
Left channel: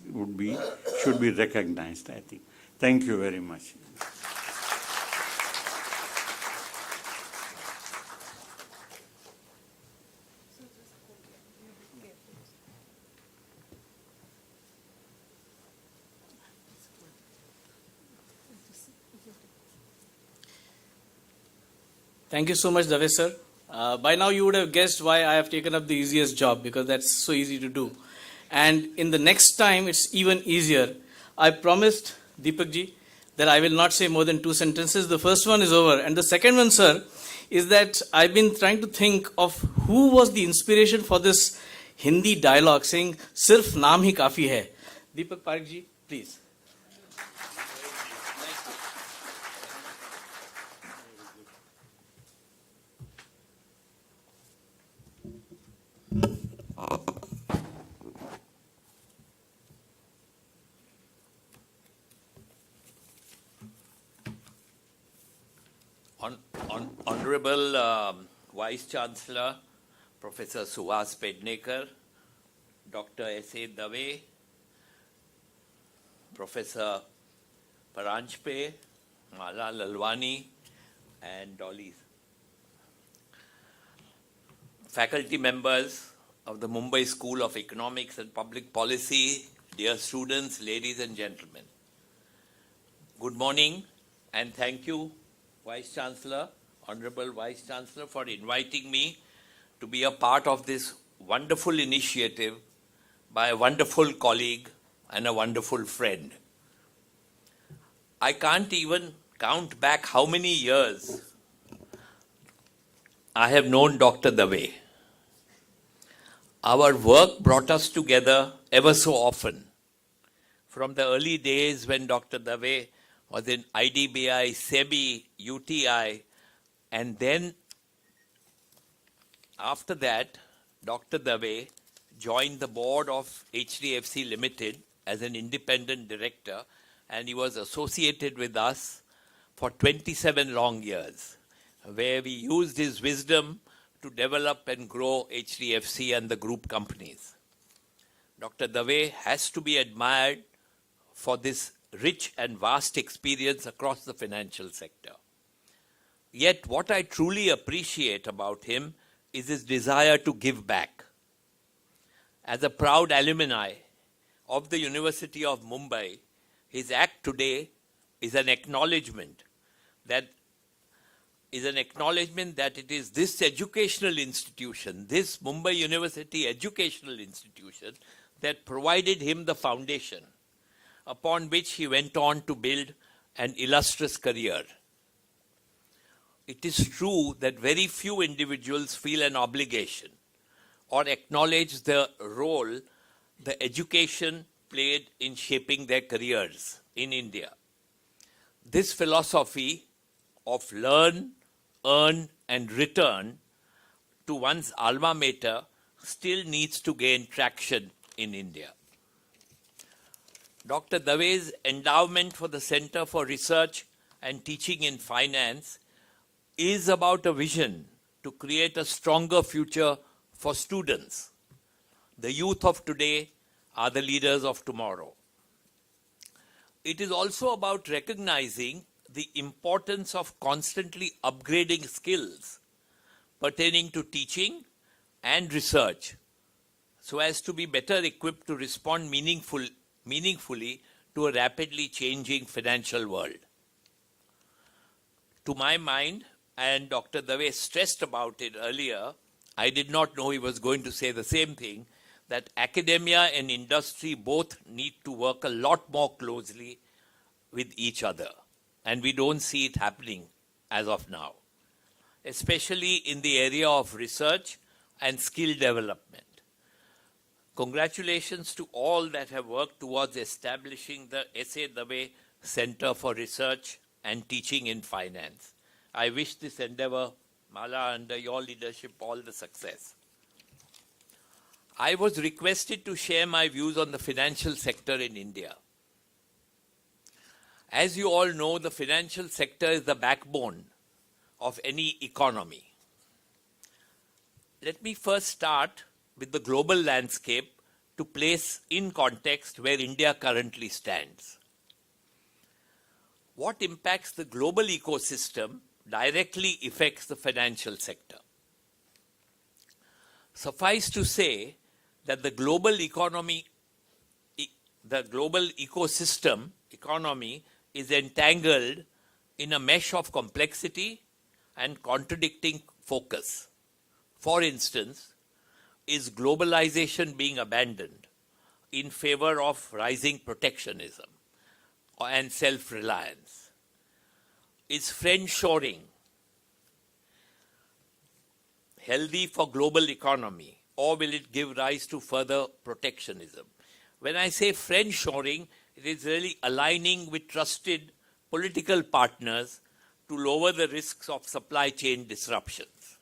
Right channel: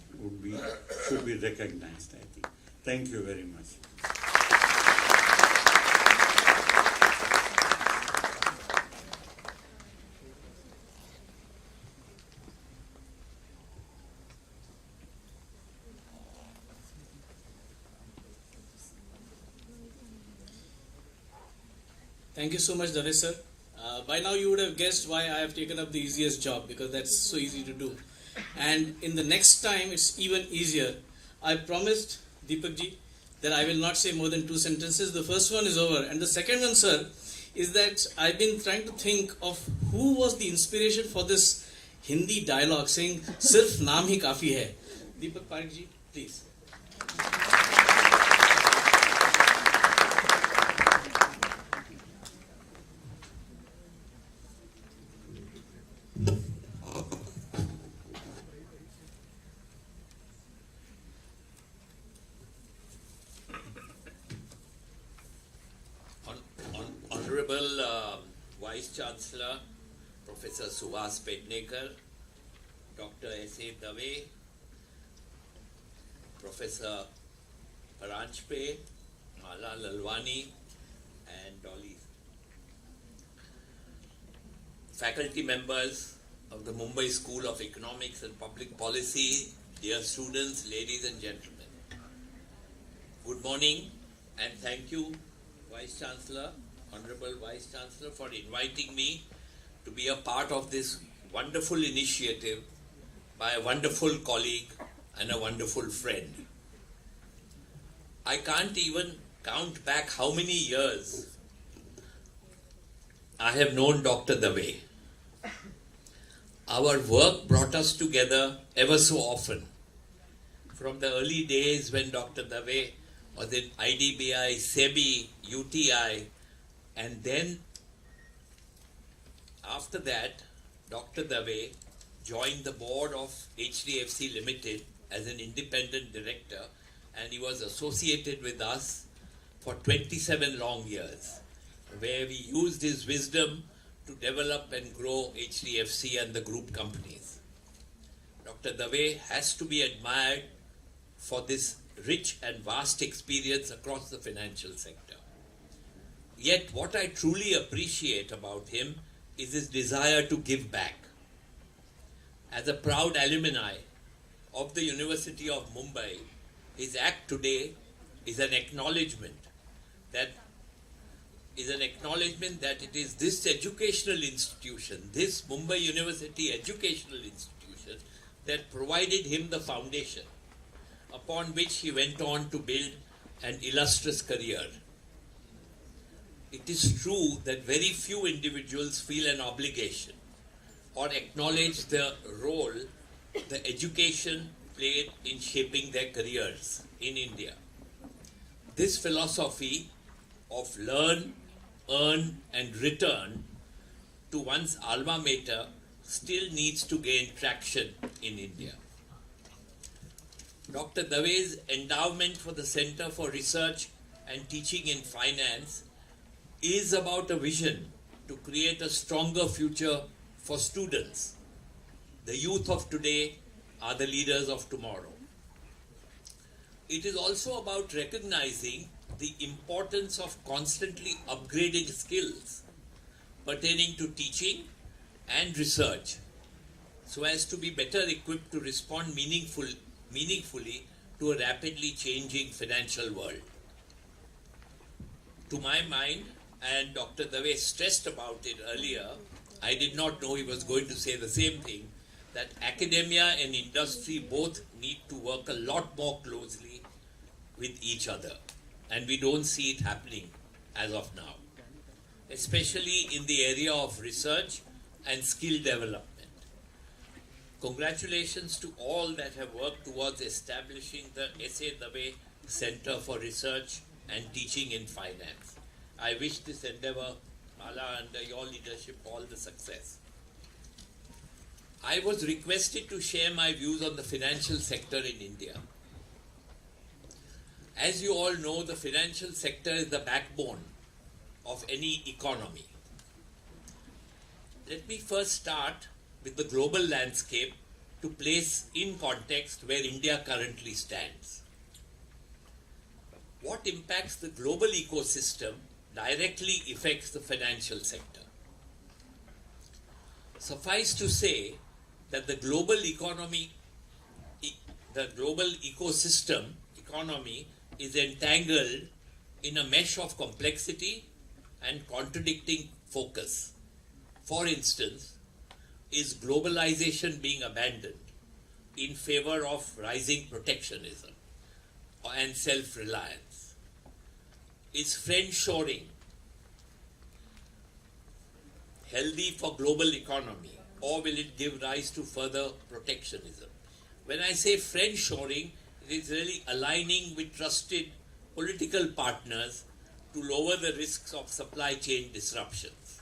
should be recognized, I think. Thank you very much. Thank you so much, Davesh sir. By now you would have guessed why I have taken up the easiest job, because that's so easy to do. And in the next time it's even easier. I promised Deepak ji that I will not say more than 2 sentences. The first one is over. And the second one, sir, is that I've been trying to think of who was the inspiration for this Hindi dialogue saying, "Sirf naam hi kafi hai." Deepak Parekh ji, please. Honorable Vice Chancellor, Professor Suhas Pednekar, Dr. S.A. Dave, Professor Paranjpe, Mala Lalwani, and Dolly. Faculty members of the Mumbai School of Economics and Public Policy, dear students, ladies and gentlemen. Good morning and thank you, Vice Chancellor, Honorable Vice Chancellor, for inviting me to be a part of this wonderful initiative by a wonderful colleague and a wonderful friend. I can't even count back how many years I have known Dr. Dave. Our work brought us together ever so often. From the early days when Dr. Dave was in IDBI, SEBI, UTI, and then after that, Dr. Dave joined the board of HDFC Limited as an independent director, and he was associated with us for 27 long years, where we used his wisdom to develop and grow HDFC and the group companies. Dr. Dave has to be admired for this rich and vast experience across the financial sector. Yet what I truly appreciate about him is his desire to give back. As a proud alumni of the University of Mumbai, his act today is an acknowledgement that it is this educational institution, this Mumbai University educational institution, that provided him the foundation upon which he went on to build an illustrious career. it is true that very few individuals feel an obligation or acknowledge the role the education played in shaping their careers in India. This philosophy of learn, earn, and return to one's alma mater still needs to gain traction in India. Dr. Dave's endowment for the Center for Research and Teaching in Finance is about a vision to create a stronger future for students. The youth of today are the leaders of tomorrow. It is also about recognizing the importance of constantly upgrading skills pertaining to teaching and research so as to be better equipped to respond meaningfully to a rapidly changing financial world. To my mind, and Dr. Dave stressed about it earlier, I did not know he was going to say the same thing, that academia and industry both need to work a lot more closely with each other. And we don't see it happening as of now, especially in the area of research and skill development. Congratulations to all that have worked towards establishing the S.A. Dave Center for Research and Teaching in Finance. I wish this endeavor, Mala, under your leadership, all the success. I was requested to share my views on the financial sector in India. As you all know, the financial sector is the backbone of any economy. Let me first start with the global landscape to place in context where India currently stands. What impacts the global ecosystem directly affects the financial sector. Suffice to say that the global economy, the global ecosystem economy is entangled in a mesh of complexity and contradicting focus. For instance, is globalization being abandoned in favor of rising protectionism and self-reliance? Is friendshoring healthy for global economy, or will it give rise to further protectionism? When I say friendshoring, it is really aligning with trusted political partners to lower the risks of supply chain disruptions.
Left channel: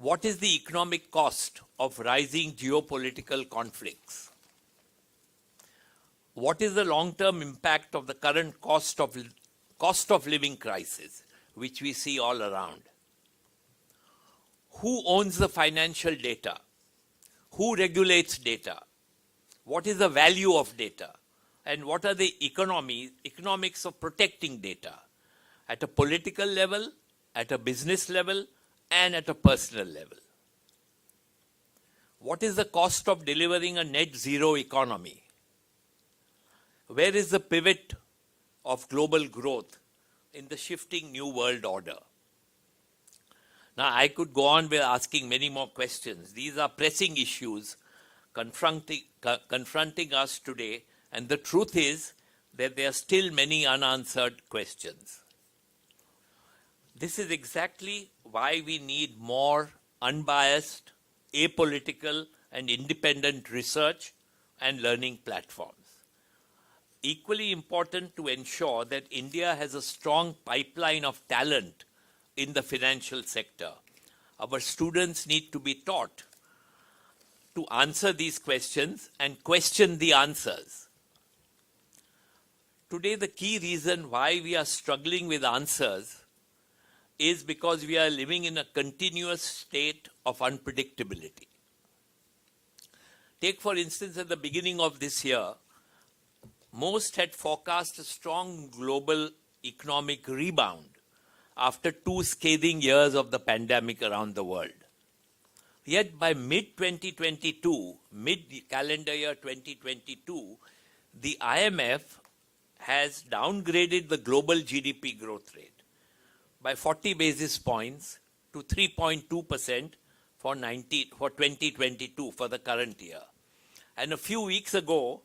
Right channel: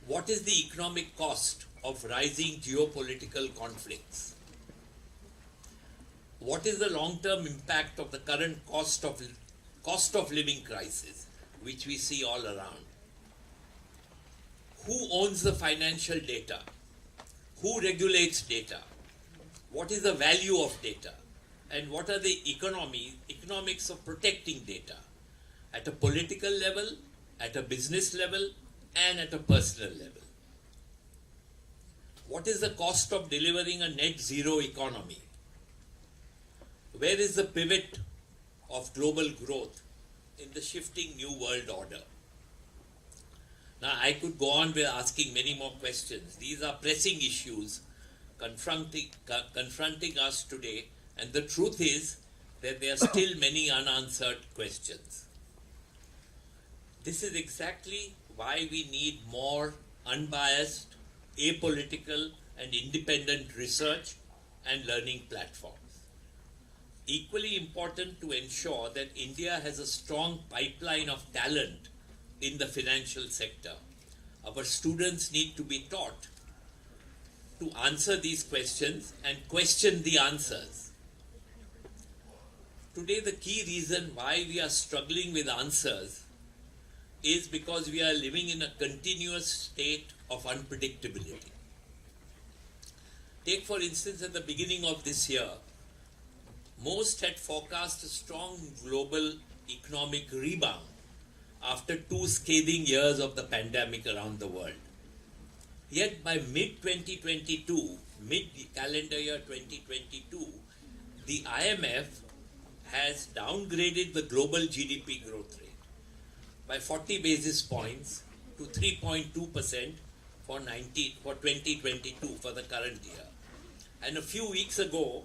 What is the economic cost of rising geopolitical conflicts? What is the long-term impact of the current cost of living crisis, which we see all around? Who owns the financial data? Who regulates data? What is the value of data? And what are the economics of protecting data at a political level, at a business level, and at a personal level? What is the cost of delivering a net zero economy? Where is the pivot of global growth in the shifting new world order? Now, I could go on with asking many more questions. These are pressing issues confronting us today, and the truth is that there are still many unanswered questions. This is exactly why we need more unbiased, apolitical, and independent research and learning platforms. Equally important to ensure that India has a strong pipeline of talent in the financial sector. Our students need to be taught to answer these questions and question the answers. Today, the key reason why we are struggling with answers is because we are living in a continuous state of unpredictability. Take, for instance, at the beginning of this year, most had forecast a strong global economic rebound after 2 scathing years of the pandemic around the world. Yet by mid-2022, mid-calendar year 2022, the IMF has downgraded the global GDP growth rate by 40 basis points to 3.2% for 2022, for the current year. And a few weeks ago,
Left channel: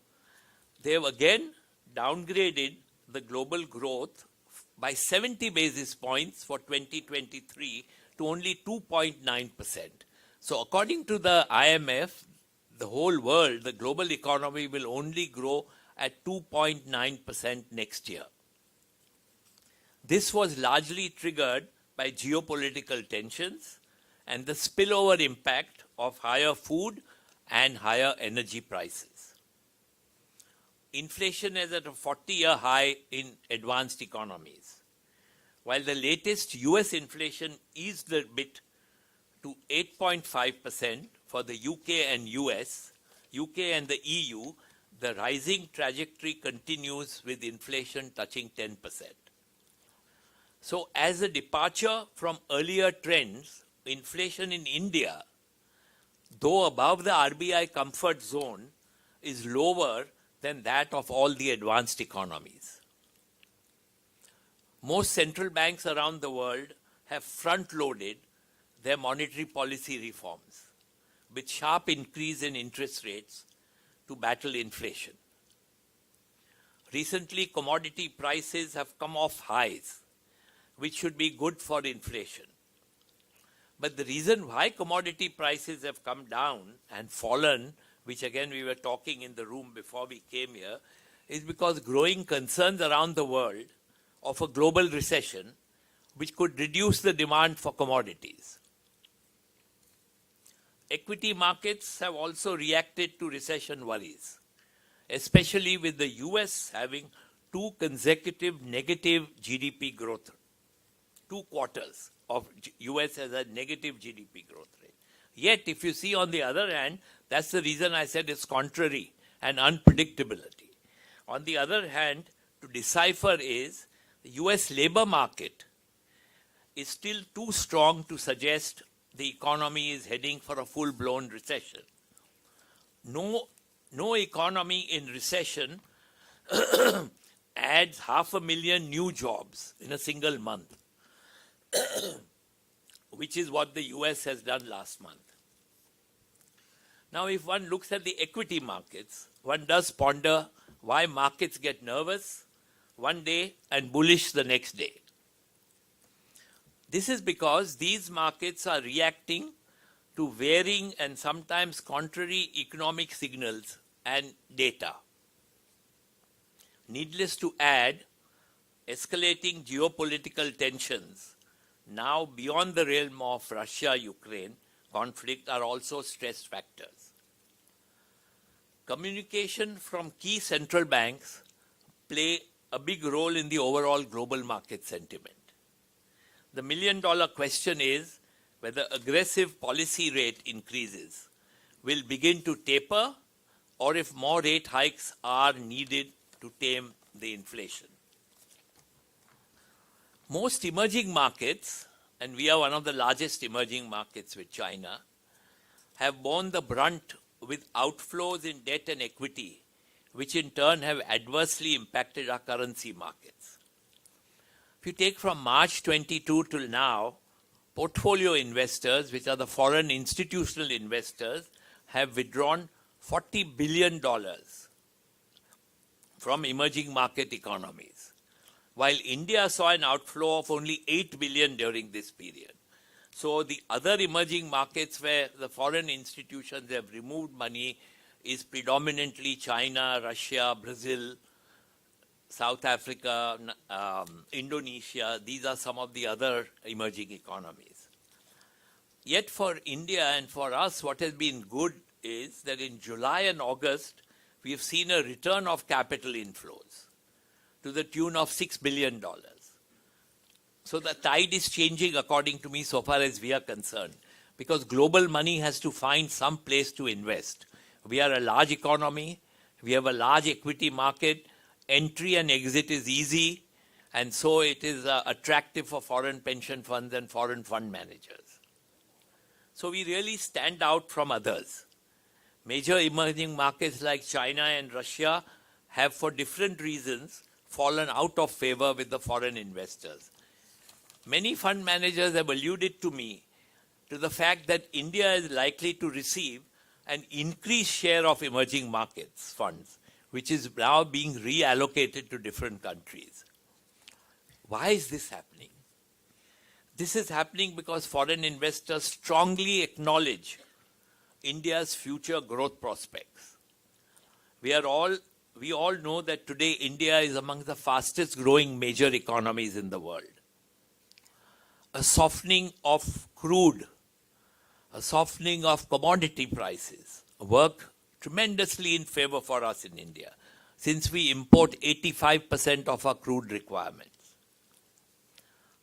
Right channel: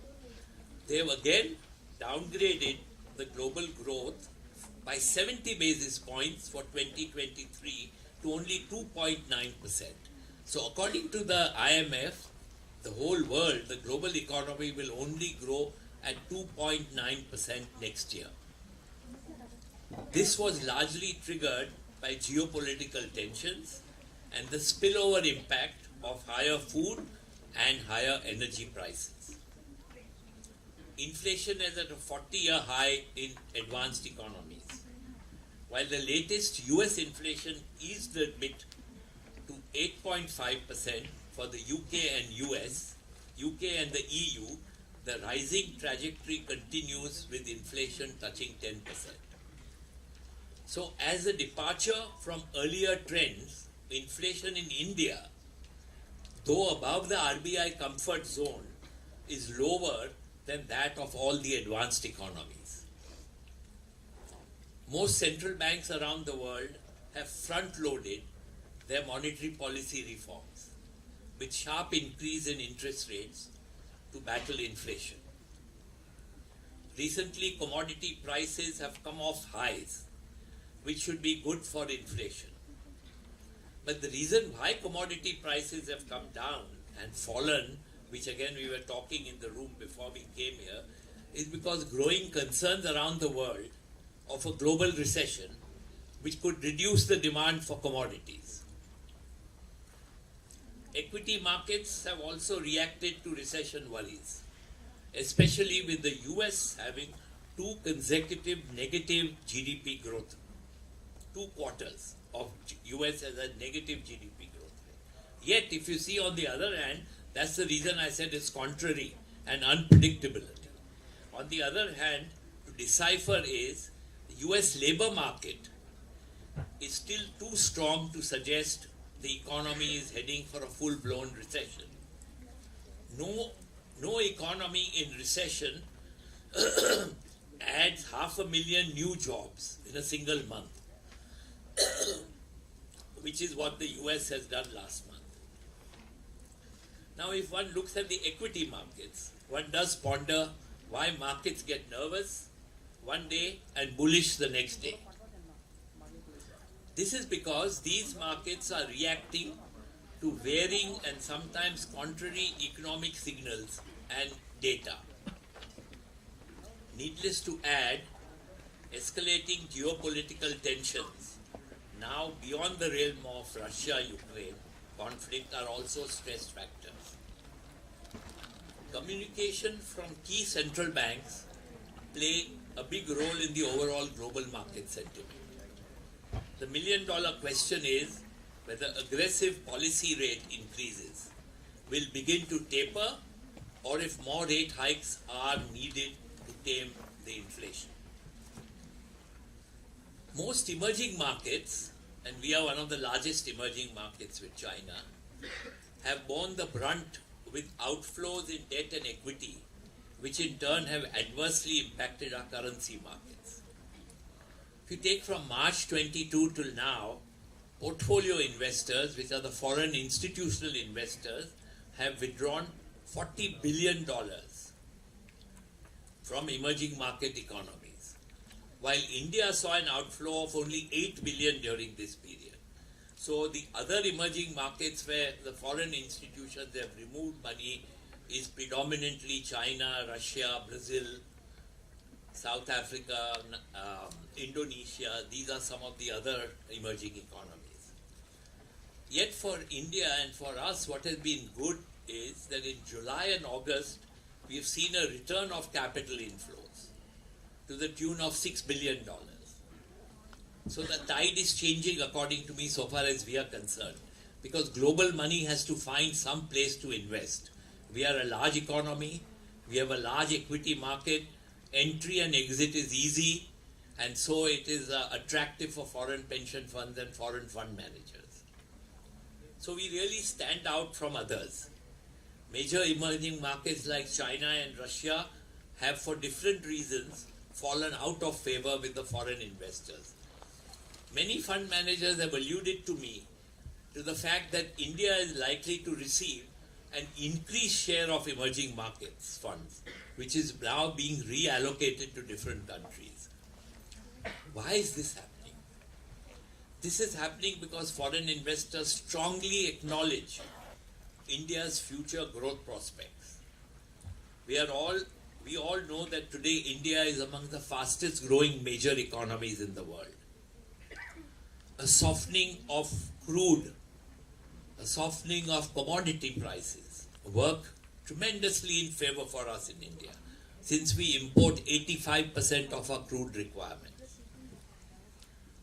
they have again downgraded the global growth by 70 basis points for 2023 to only 2.9%. So according to the IMF, the whole world, the global economy will only grow at 2.9% next year. This was largely triggered by geopolitical tensions and the spillover impact of higher food and higher energy prices. Inflation is at a 40-year high in advanced economies, while the latest US inflation eased a bit to 8.5% for the UK and US, UK and the EU. The rising trajectory continues with inflation touching 10%. So as a departure from earlier trends, inflation in India, though above the RBI comfort zone, is lower than that of all the advanced economies. Most central banks around the world have front-loaded their monetary policy reforms with sharp increase in interest rates to battle inflation. Recently, commodity prices have come off highs, which should be good for inflation. But the reason why commodity prices have come down and fallen, which again we were talking in the room before we came here, is because growing concerns around the world of a global recession which could reduce the demand for commodities. Equity markets have also reacted to recession worries, especially with the US having 2 consecutive negative GDP growth, 2 quarters of US as a negative GDP growth rate. Yet, if you see on the other hand, that's the reason I said it's contrary and unpredictability. On the other hand, to decipher is the US labor market is still too strong to suggest the economy is heading for a full-blown recession. No economy in recession adds 500,000 new jobs in a single month, which is what the US has done last month. Now, if one looks at the equity markets, one does ponder why markets get nervous one day and bullish the next day. This is because these markets are reacting to varying and sometimes contrary economic signals and data. Needless to add, escalating geopolitical tensions, now beyond the realm of Russia-Ukraine conflict, are also stress factors. Communication from key central banks play a big role in the overall global market sentiment. The million-dollar question is whether aggressive policy rate increases will begin to taper or if more rate hikes are needed to tame the inflation. Most emerging markets, and we are one of the largest emerging markets with China, have borne the brunt with outflows in debt and equity, which in turn have adversely impacted our currency markets. If you take from March 22 till now, portfolio investors, which are the foreign institutional investors, have withdrawn $40 billion from emerging market economies, while India saw an outflow of only $8 billion during this period. So the other emerging markets where the foreign institutions have removed money is predominantly China, Russia, Brazil, South Africa, Indonesia. These are some of the other emerging economies. Yet for India and for us, what has been good is that in July and August, we have seen a return of capital inflows to the tune of $6 billion. So the tide is changing according to me so far as we are concerned, because global money has to find some place to invest. We are a large economy, we have a large equity market, entry and exit is easy, and so it is attractive for foreign pension funds and foreign fund managers. So we really stand out from others. Major emerging markets like China and Russia have, for different reasons, fallen out of favor with the foreign investors. Many fund managers have alluded to me to the fact that India is likely to receive an increased share of emerging markets funds, which is now being reallocated to different countries. Why is this happening? This is happening because foreign investors strongly acknowledge India's future growth prospects. We all know that today India is among the fastest growing major economies in the world. A softening of crude, a softening of commodity prices work tremendously in favor for us in India, since we import 85% of our crude requirements.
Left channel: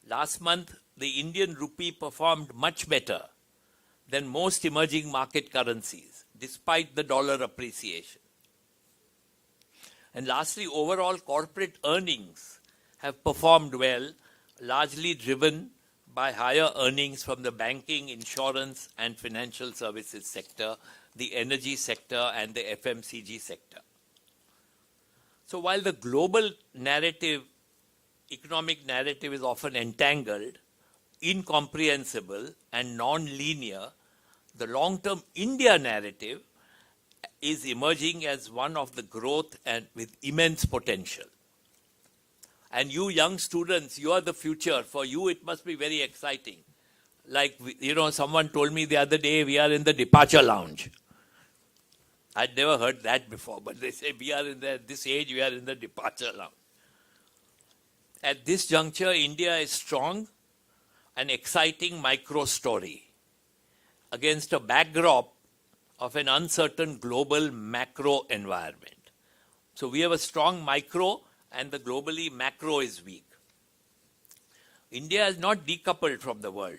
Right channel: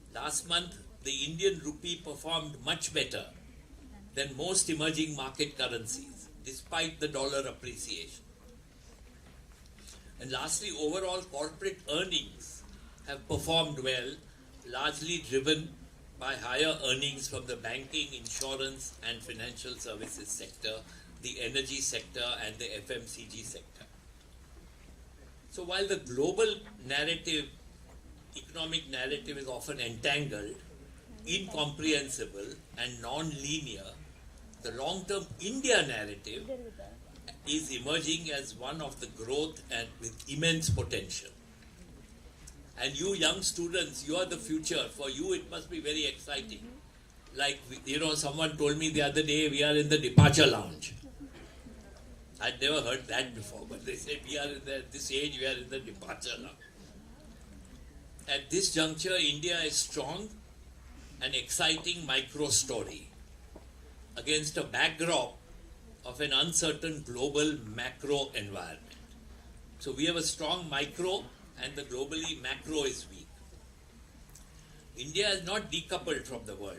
Last month, the Indian rupee performed much better than most emerging market currencies, despite the dollar appreciation. And lastly, overall corporate earnings have performed well, largely driven by higher earnings from the banking, insurance and financial services sector, the energy sector and the FMCG sector. So while the global narrative, economic narrative is often entangled, incomprehensible and non-linear, the long-term India narrative is emerging as one of the growth and with immense potential. And you young students, you are the future. For you, it must be very exciting. Like, someone told me the other day, we are in the departure lounge. I'd never heard that before, but they say we are at this age, we are in the departure lounge. At this juncture, India is strong and exciting micro story against a backdrop of an uncertain global macro environment. So we have a strong micro and the globally macro is weak. India is not decoupled from the world,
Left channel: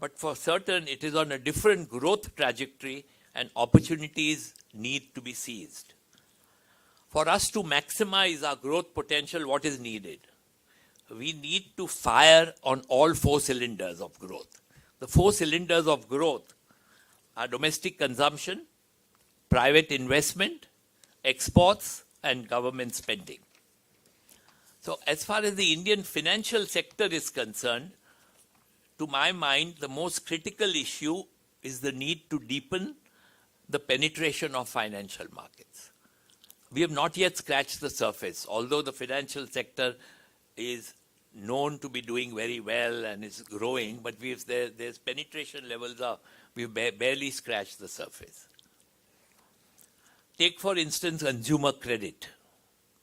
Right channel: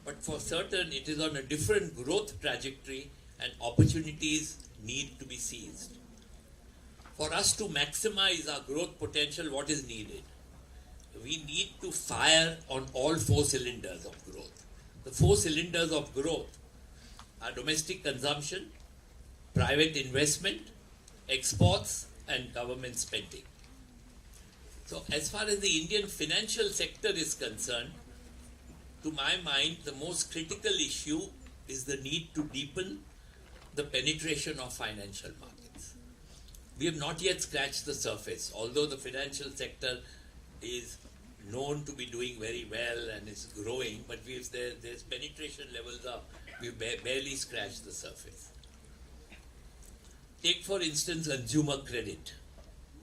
but for certain it is on a different growth trajectory and opportunities need to be seized. For us to maximize our growth potential, what is needed? We need to fire on all 4 cylinders of growth. The 4 cylinders of growth are domestic consumption, private investment, exports, and government spending. So as far as the Indian financial sector is concerned, to my mind, the most critical issue is the need to deepen the penetration of financial markets. We have not yet scratched the surface, although the financial sector is known to be doing very well and is growing, but there's penetration levels up. We've barely scratched the surface. Take for instance consumer credit.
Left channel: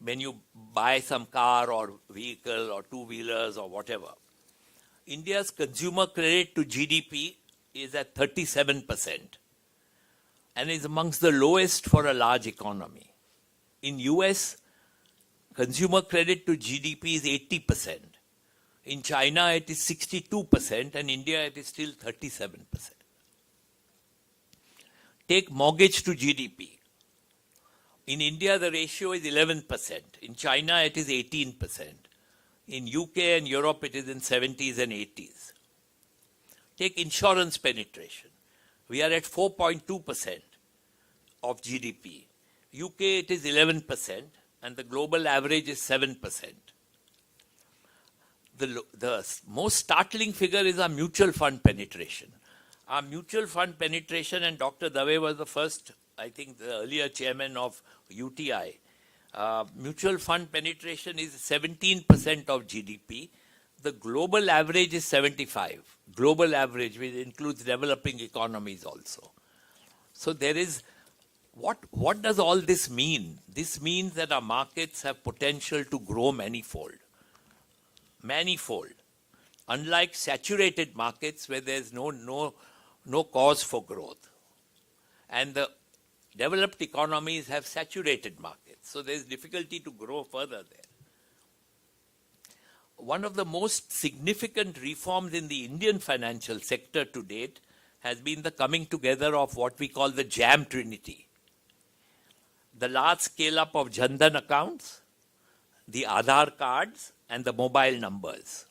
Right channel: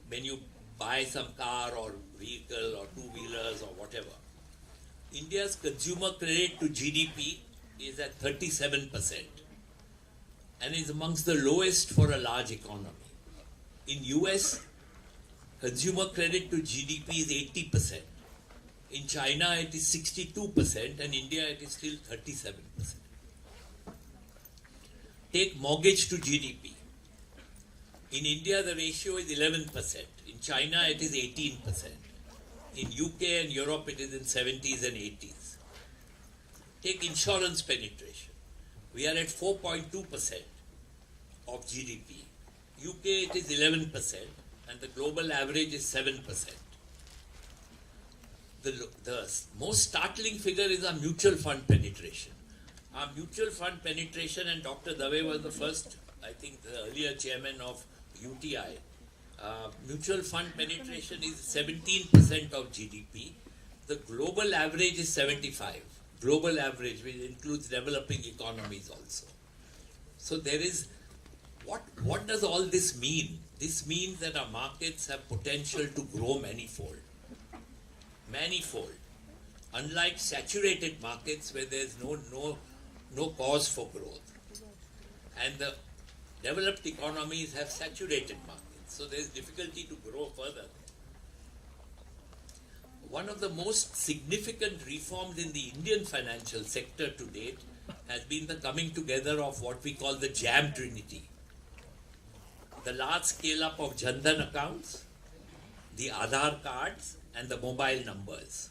When you buy some car or vehicle or 2-wheelers or whatever, India's consumer credit to GDP is at 37% and is amongst the lowest for a large economy. In US, consumer credit to GDP is 80%. In China, it is 62%, and India, it is still 37%. Take mortgage to GDP. In India, the ratio is 11%. In China, it is 18%. In UK and Europe, it is in 70s and 80s. Take insurance penetration. We are at 4.2% of GDP. UK, it is 11%, and the global average is 7%. The most startling figure is our mutual fund penetration. Our mutual fund penetration, and Dr. Dave was the first, I think, the earlier chairman of UTI. Mutual fund penetration is 17% of GDP. The global average is 75. Global average, which includes developing economies also. So there is, what does all this mean? This means that our markets have potential to grow manifold. Manifold. Unlike saturated markets where there is no cause for growth. And the developed economies have saturated markets. So there is difficulty to grow further there. One of the most significant reforms in the Indian financial sector to date has been the coming together of what we call the JAM Trinity. The large scale up of Jan Dhan accounts, the Aadhaar cards, and the mobile numbers.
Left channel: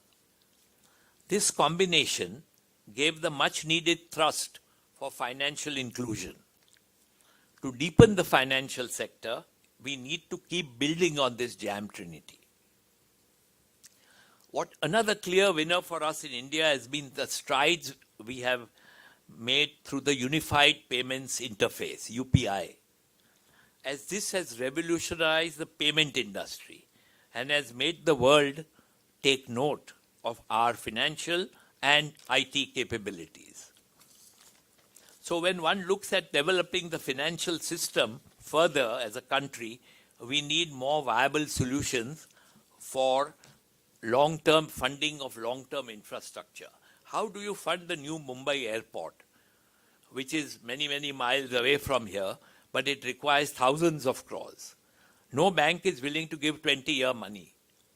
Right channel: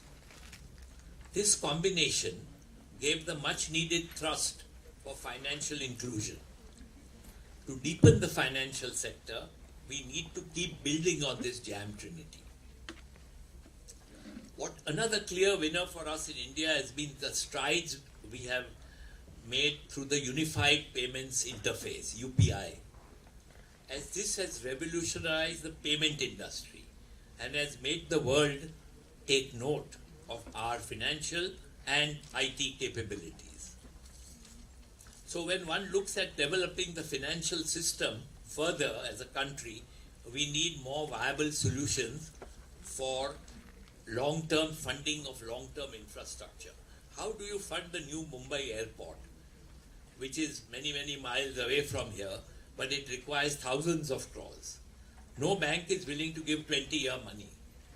This combination gave the much needed thrust for financial inclusion. To deepen the financial sector, we need to keep building on this JAM Trinity. Another clear winner for us in India has been the strides we have made through the Unified Payments Interface, UPI. As this has revolutionized the payment industry and has made the world take note of our financial and IT capabilities. So when one looks at developing the financial system further as a country, we need more viable solutions for long-term funding of long-term infrastructure. How do you fund the new Mumbai airport, which is many, many miles away from here, but it requires thousands of crores? No bank is willing to give 20-year money.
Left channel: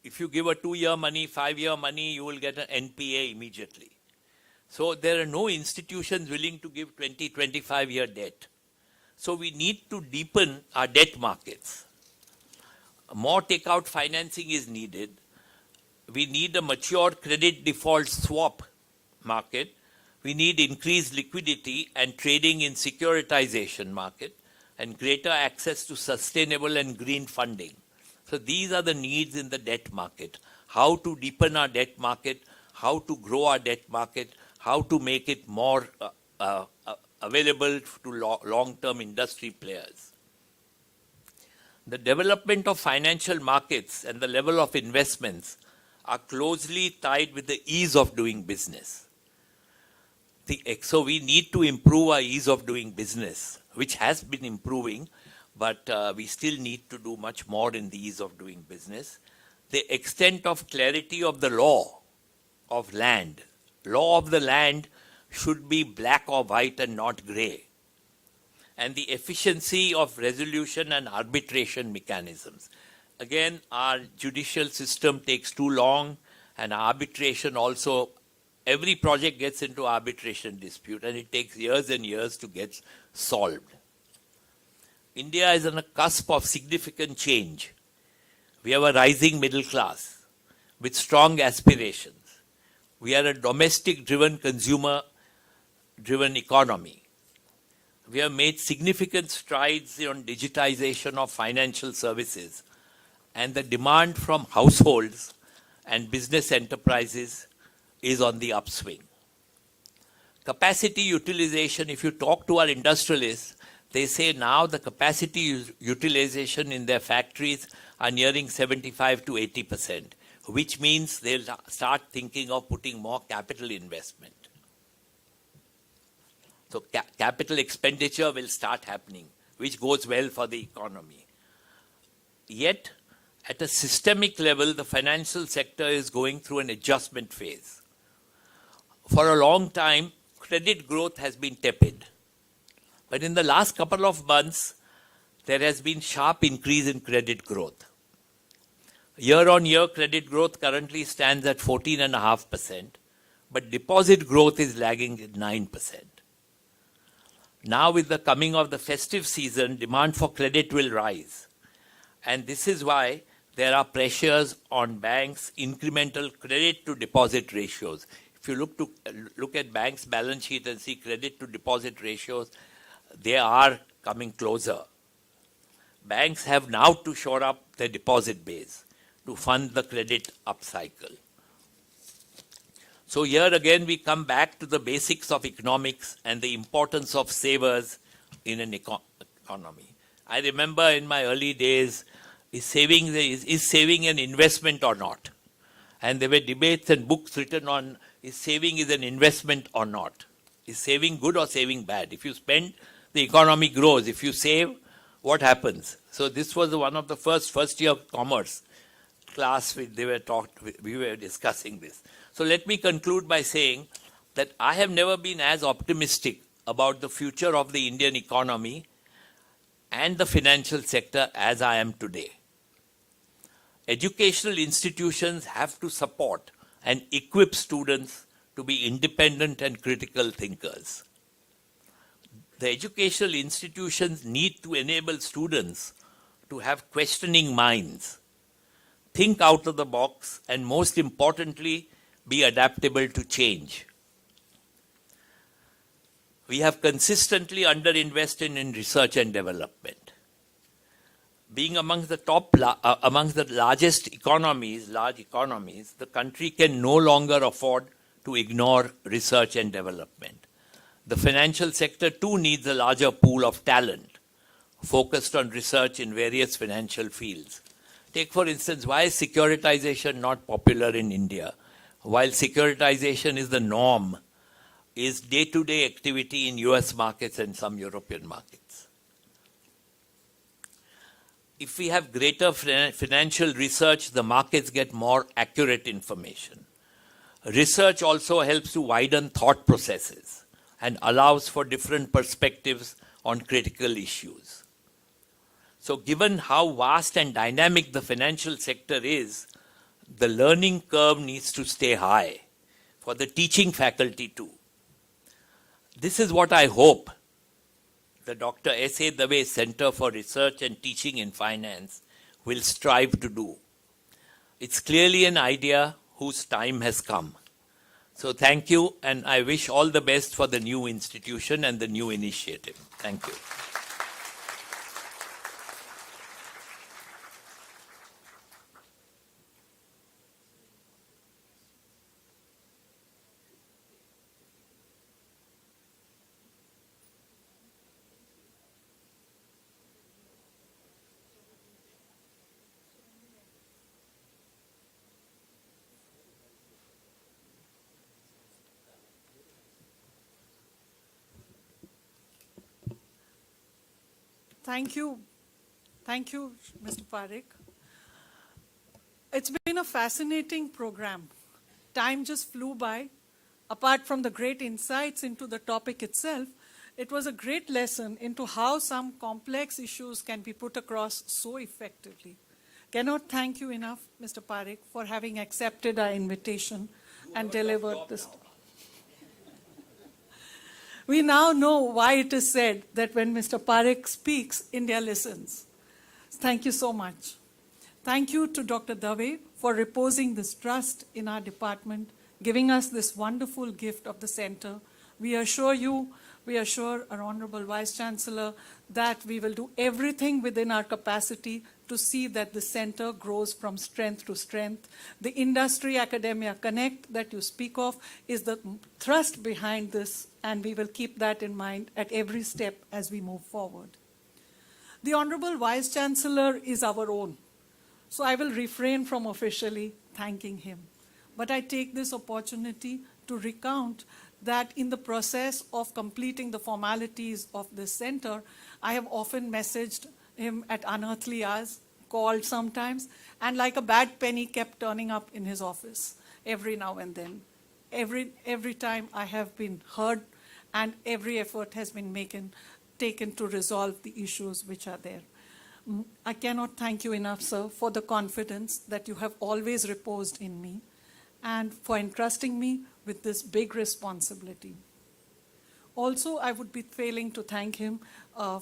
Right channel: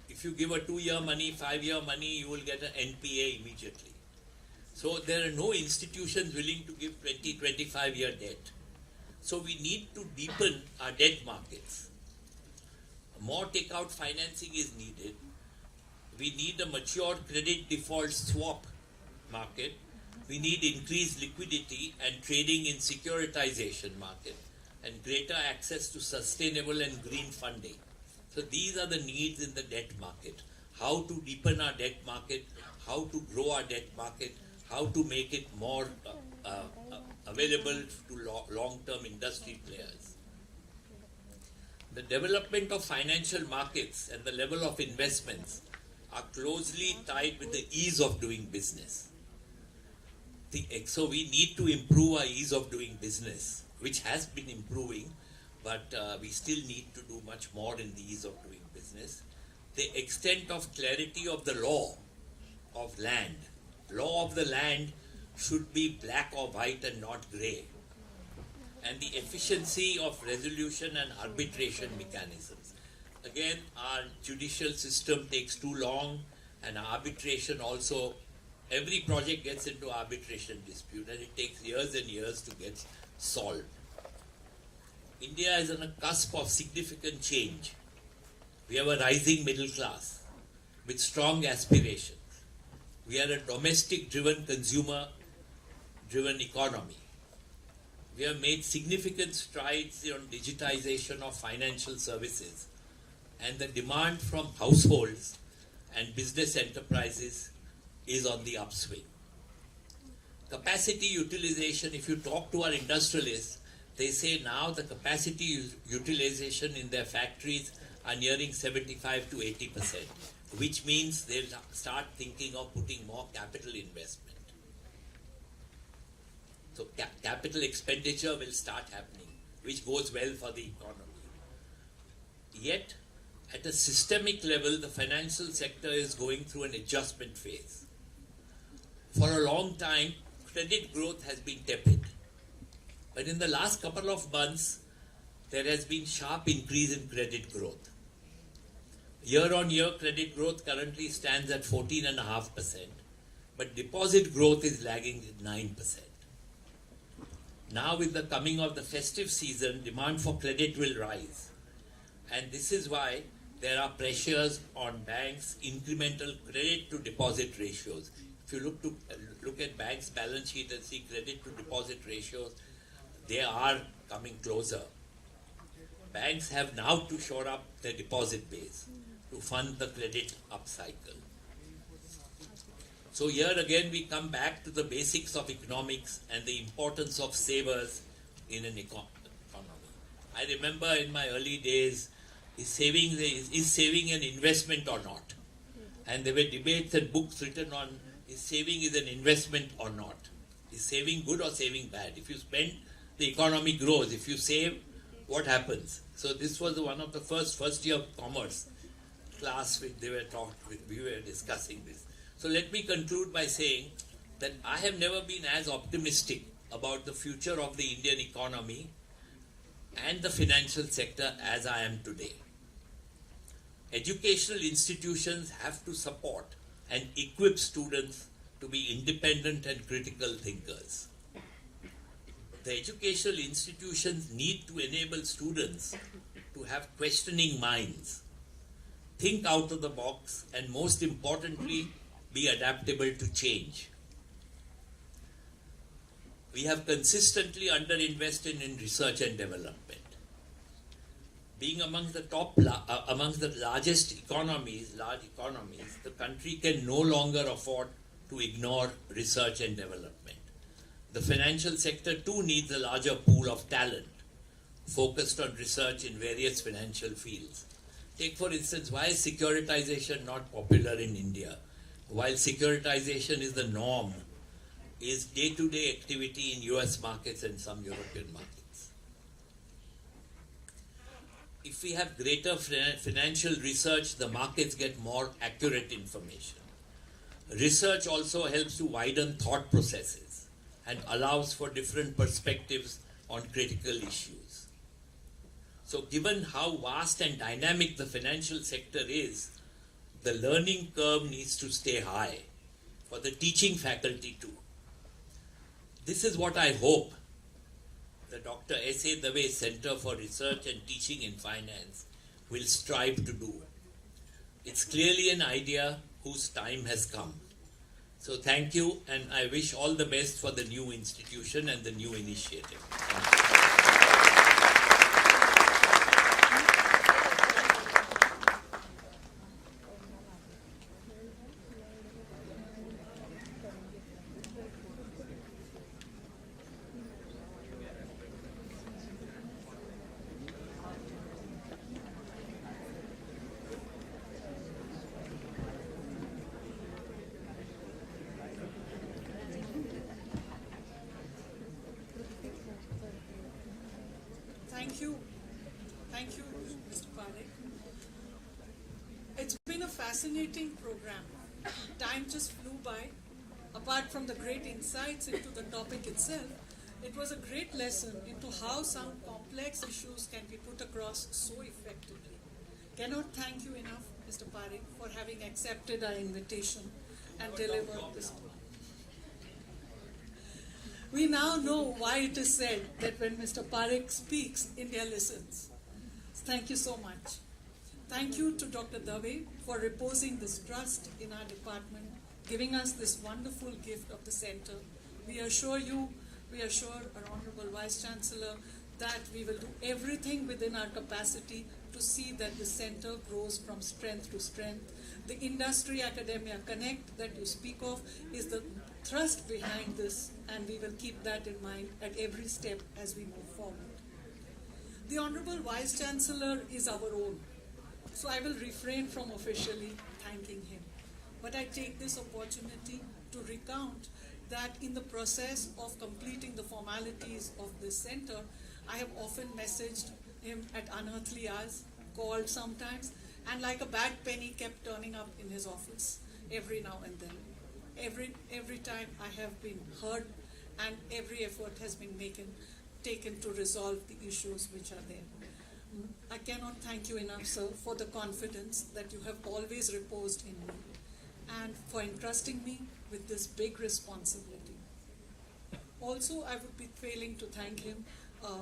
If you give a 2-year money, 5-year money, you will get an NPA immediately. So there are no institutions willing to give 20, 25-year debt. So we need to deepen our debt markets. More takeout financing is needed. We need a matured credit default swap market. We need increased liquidity and trading in securitization market and greater access to sustainable and green funding. So these are the needs in the debt market. How to deepen our debt market, how to grow our debt market, how to make it more available to long-term industry players. The development of financial markets and the level of investments are closely tied with the ease of doing business. So we need to improve our ease of doing business, which has been improving, but we still need to do much more in the ease of doing business. The extent of clarity of the law of land. Law of the land should be black or white and not grey. And the efficiency of resolution and arbitration mechanisms. Again, our judicial system takes too long, and arbitration also, every project gets into arbitration dispute and it takes years and years to get solved. India is on a cusp of significant change. We have a rising middle class with strong aspirations. We are a domestic-driven, consumer-driven economy. We have made significant strides on digitization of financial services, and the demand from households and business enterprises is on the upswing. Capacity utilization, if you talk to our industrialists, they say now the capacity utilization in their factories are nearing 75 to 80%, which means they'll start thinking of putting more capital investment. So capital expenditure will start happening, which goes well for the economy. Yet, at a systemic level, the financial sector is going through an adjustment phase. For a long time, credit growth has been tepid. But in the last couple of months, there has been sharp increase in credit growth. Year-on-year credit growth currently stands at 14.5%, but deposit growth is lagging at 9%. Now with the coming of the festive season, demand for credit will rise. And this is why there are pressures on banks' incremental credit to deposit ratios. If you look at banks' balance sheet and see credit to deposit ratios, they are coming closer. Banks have now to shore up their deposit base to fund the credit upcycle. So here again we come back to the basics of economics and the importance of savers in an economy. I remember in my early days, is saving an investment or not? And there were debates and books written on is saving is an investment or not? Is saving good or saving bad? If you spend, the economy grows. If you save, what happens? So this was one of the first year of commerce class we were discussing this. So let me conclude by saying that I have never been as optimistic about the future of the Indian economy and the financial sector as I am today. Educational institutions have to support and equip students to be independent and critical thinkers. The educational institutions need to enable students to have questioning minds, think out of the box, and most importantly, be adaptable to change. We have consistently underinvested in research and development. Being amongst the large economies, the country can no longer afford to ignore research and development. The financial sector too needs a larger pool of talent focused on research in various financial fields. Take for instance, why is securitization not popular in India? While securitization is the norm, is day-to-day activity in US markets and some European markets. If we have greater financial research, the markets get more accurate information. Research also helps to widen thought processes and allows for different perspectives on critical issues. So given how vast and dynamic the financial sector is, the learning curve needs to stay high for the teaching faculty too. This is what I hope the Dr. S.A. Dave Center for Research and Teaching in Finance will strive to do. It's clearly an idea whose time has come. So thank you, and I wish all the best for the new institution and the new initiative. Thank you. Thank you, Mr. Parekh. It's been a fascinating program. Time just flew by. Apart from the great insights into the topic itself, it was a great lesson into how some complex issues can be put across so effectively. Cannot thank you enough, Mr. Parekh, for having accepted our invitation and delivered this. We now know why it is said that when Mr. Parekh speaks, India listens. Thank you so much. Thank you to Dr. Dave for reposing this trust in our department, giving us this wonderful gift of the center. We assure our Honorable Vice Chancellor that we will do everything within our capacity to see that the center grows from strength to strength. The industry-academia connect that you speak of is the thrust behind this, and we will keep that in mind at every step as we move forward. The Honorable Vice Chancellor is our own, so I will refrain from officially thanking him. But I take this opportunity to recount that in the process of completing the formalities of this center, I have often messaged him at unearthly hours, called sometimes, and like a bad penny kept turning up in his office every now and then. Every time I have been heard, and every effort has been taken to resolve the issues which are there. I cannot thank you enough, sir, for the confidence that you have always reposed in me and for entrusting me with this big responsibility. Also, I would be failing to thank him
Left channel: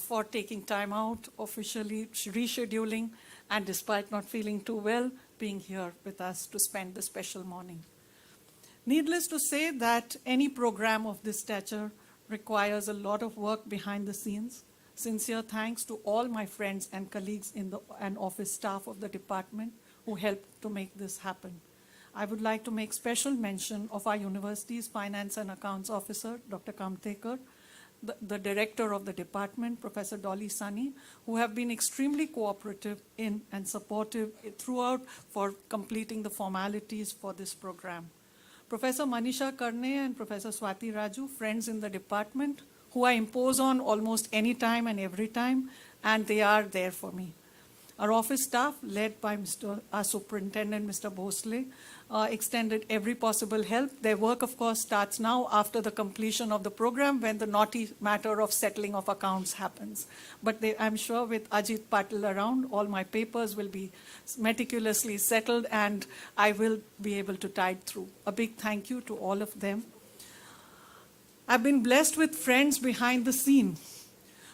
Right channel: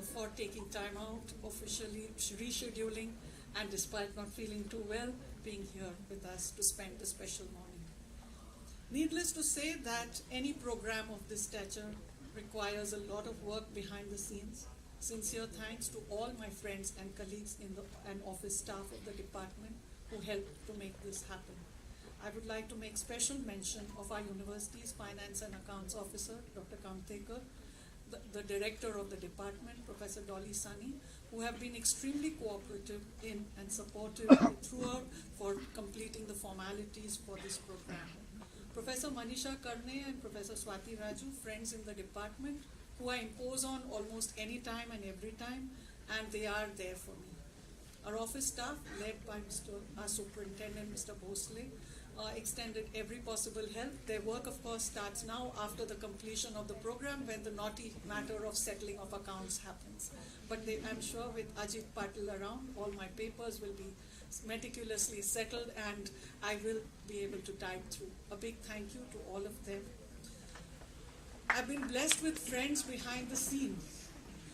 for taking time out, officially rescheduling, and despite not feeling too well, being here with us to spend the special morning. Needless to say that any program of this stature requires a lot of work behind the scenes. Sincere thanks to all my friends and colleagues and office staff of the department who helped to make this happen. I would like to make special mention of our university's Finance and Accounts Officer, Dr. Kamtekar, the director of the department, Professor Dolly Sunny, who have been extremely cooperative in and supportive throughout for completing the formalities for this program. Professor Manisha Karne and Professor Swati Raju, friends in the department, who I impose on almost any time and every time, and they are there for me. Our office staff, led by our superintendent, Mr. Bhosle, extended every possible help. Their work, of course, starts now after the completion of the program when the naughty matter of settling of accounts happens. But I'm sure with Ajit Patil around, all my papers will be meticulously settled and I will be able to tide through. A big thank you to all of them. I've been blessed with friends behind the scene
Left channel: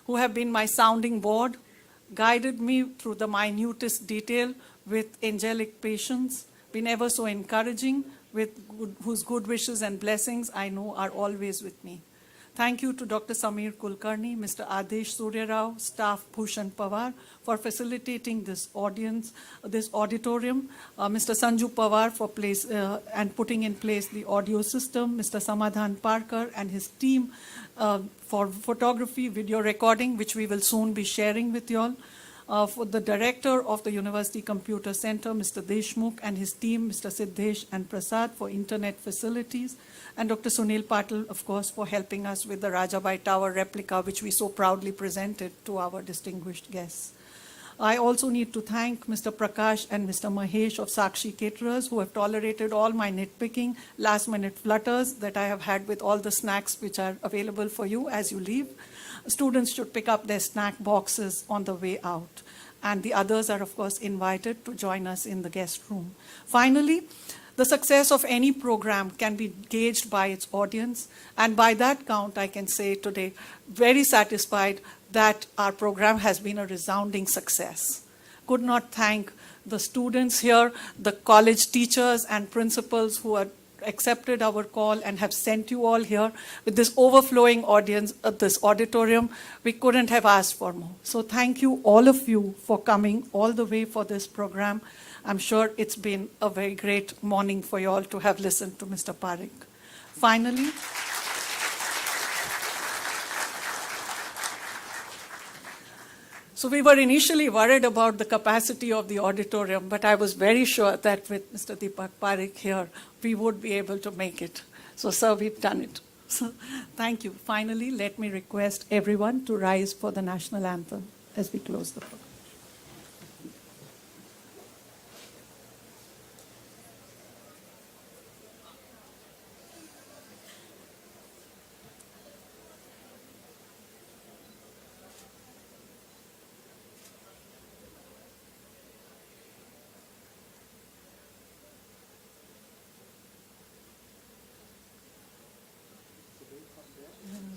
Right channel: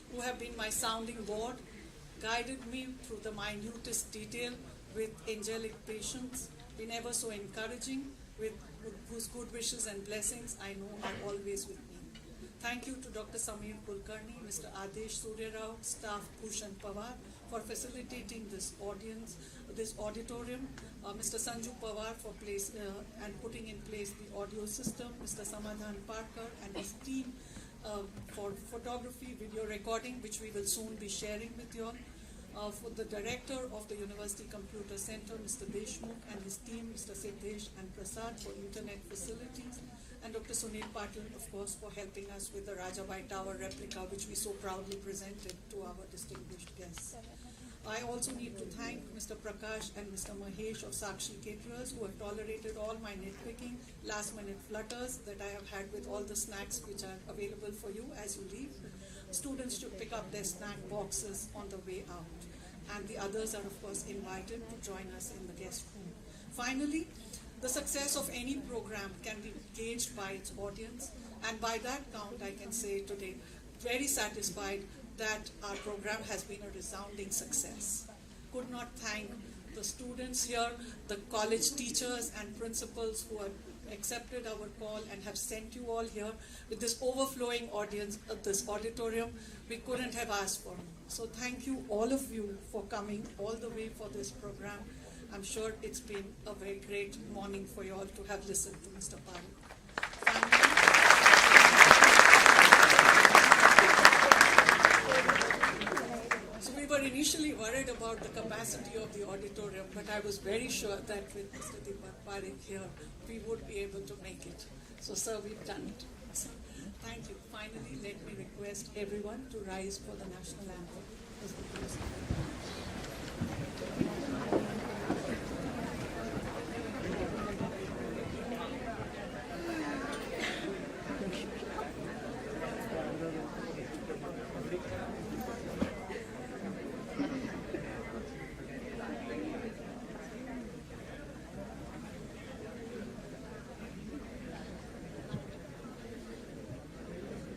who have been my sounding board, guided me through the minutest detail with angelic patience, been ever so encouraging, whose good wishes and blessings I know are always with me. Thank you to Dr. Samir Kulkarni, Mr. Adesh Surya Rao, staff Bhushan Pawar for facilitating this auditorium, Mr. Sanju Pawar for and putting in place the audio system, Mr. Samadhan Parkar and his team for photography, video recording, which we will soon be sharing with you all. for the director of the University Computer Center, Mr. Deshmukh, and his team, Mr. Siddhesh and Prasad, for internet facilities, and Dr. Sunil Patil, of course, for helping us with the Rajabai Tower replica, which we so proudly presented to our distinguished guests. I also need to thank Mr. Prakash and Mr. Mahesh of Sakshi Caterers, who have tolerated all my nitpicking, last-minute flutters that I have had with all the snacks which are available for you as you leave. Students should pick up their snack boxes on the way out. And the others are, of course, invited to join us in the guest room. Finally, the success of any program can be gauged by its audience. And by that count, I can say today, very satisfied that our program has been a resounding success. Could not thank the students here, the college teachers and principals who have accepted our call and have sent you all here with this overflowing audience of this auditorium. We couldn't have asked for more. So thank you, all of you, for coming all the way for this program. I'm sure it's been a very great morning for you all to have listened to Mr. Parekh. Finally, so we were initially worried about the capacity of the auditorium, but I was very sure that with Mr. Deepak Parekh here, we would be able to make it. So, sir, we've done it. So, thank you. Finally, let me request everyone to rise for the national anthem as we close the program.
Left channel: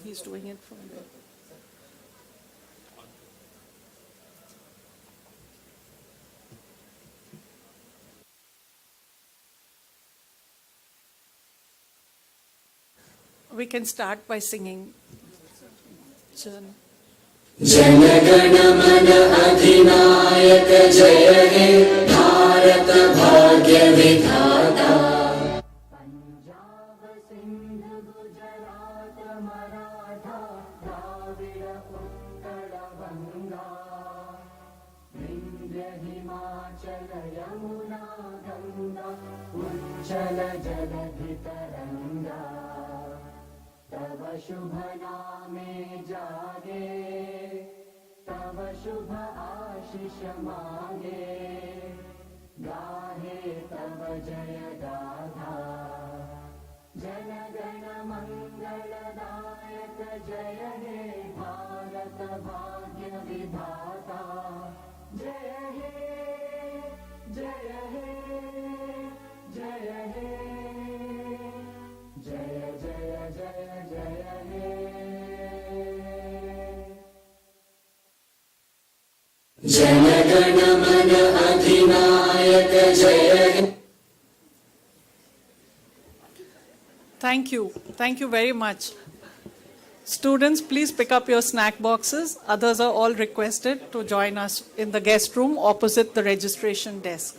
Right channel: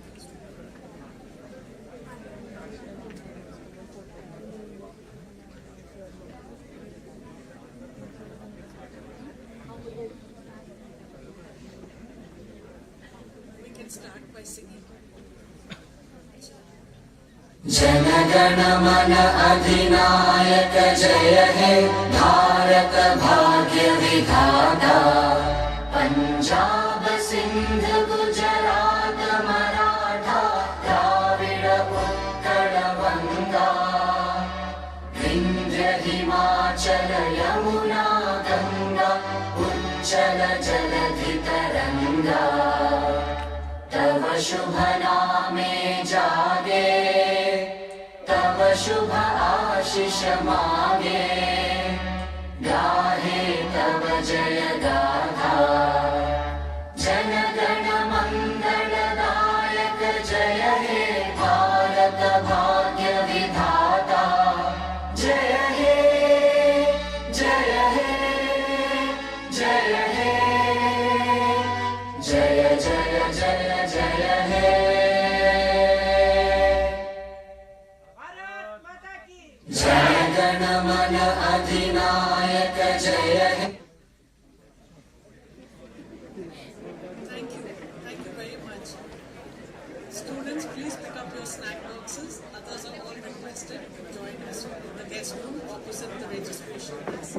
He's doing it. We can start by singing. जनगण मन अधिनायक जय हे भारत भाग्य विधाता पंजाब सिंध गुजरात मराठा द्राविड उत्कल बंगा विंध्य हिमाचल यमुना गंगा उज्जल जलधि तरंगा तव शुभ नामे जागे तव शुभ आशीष मागे गाहे तव जय गाथा जन गण मंगल दायक जय हे भारत भाग्य विधाता जय हे जय हे जय हे जय जय जय जय हे जनगण मन अधिनायक जय हे Thank you. Thank you very much. Students, please pick up your snack boxes. Others are all requested to join us in the guest room opposite the registration desk.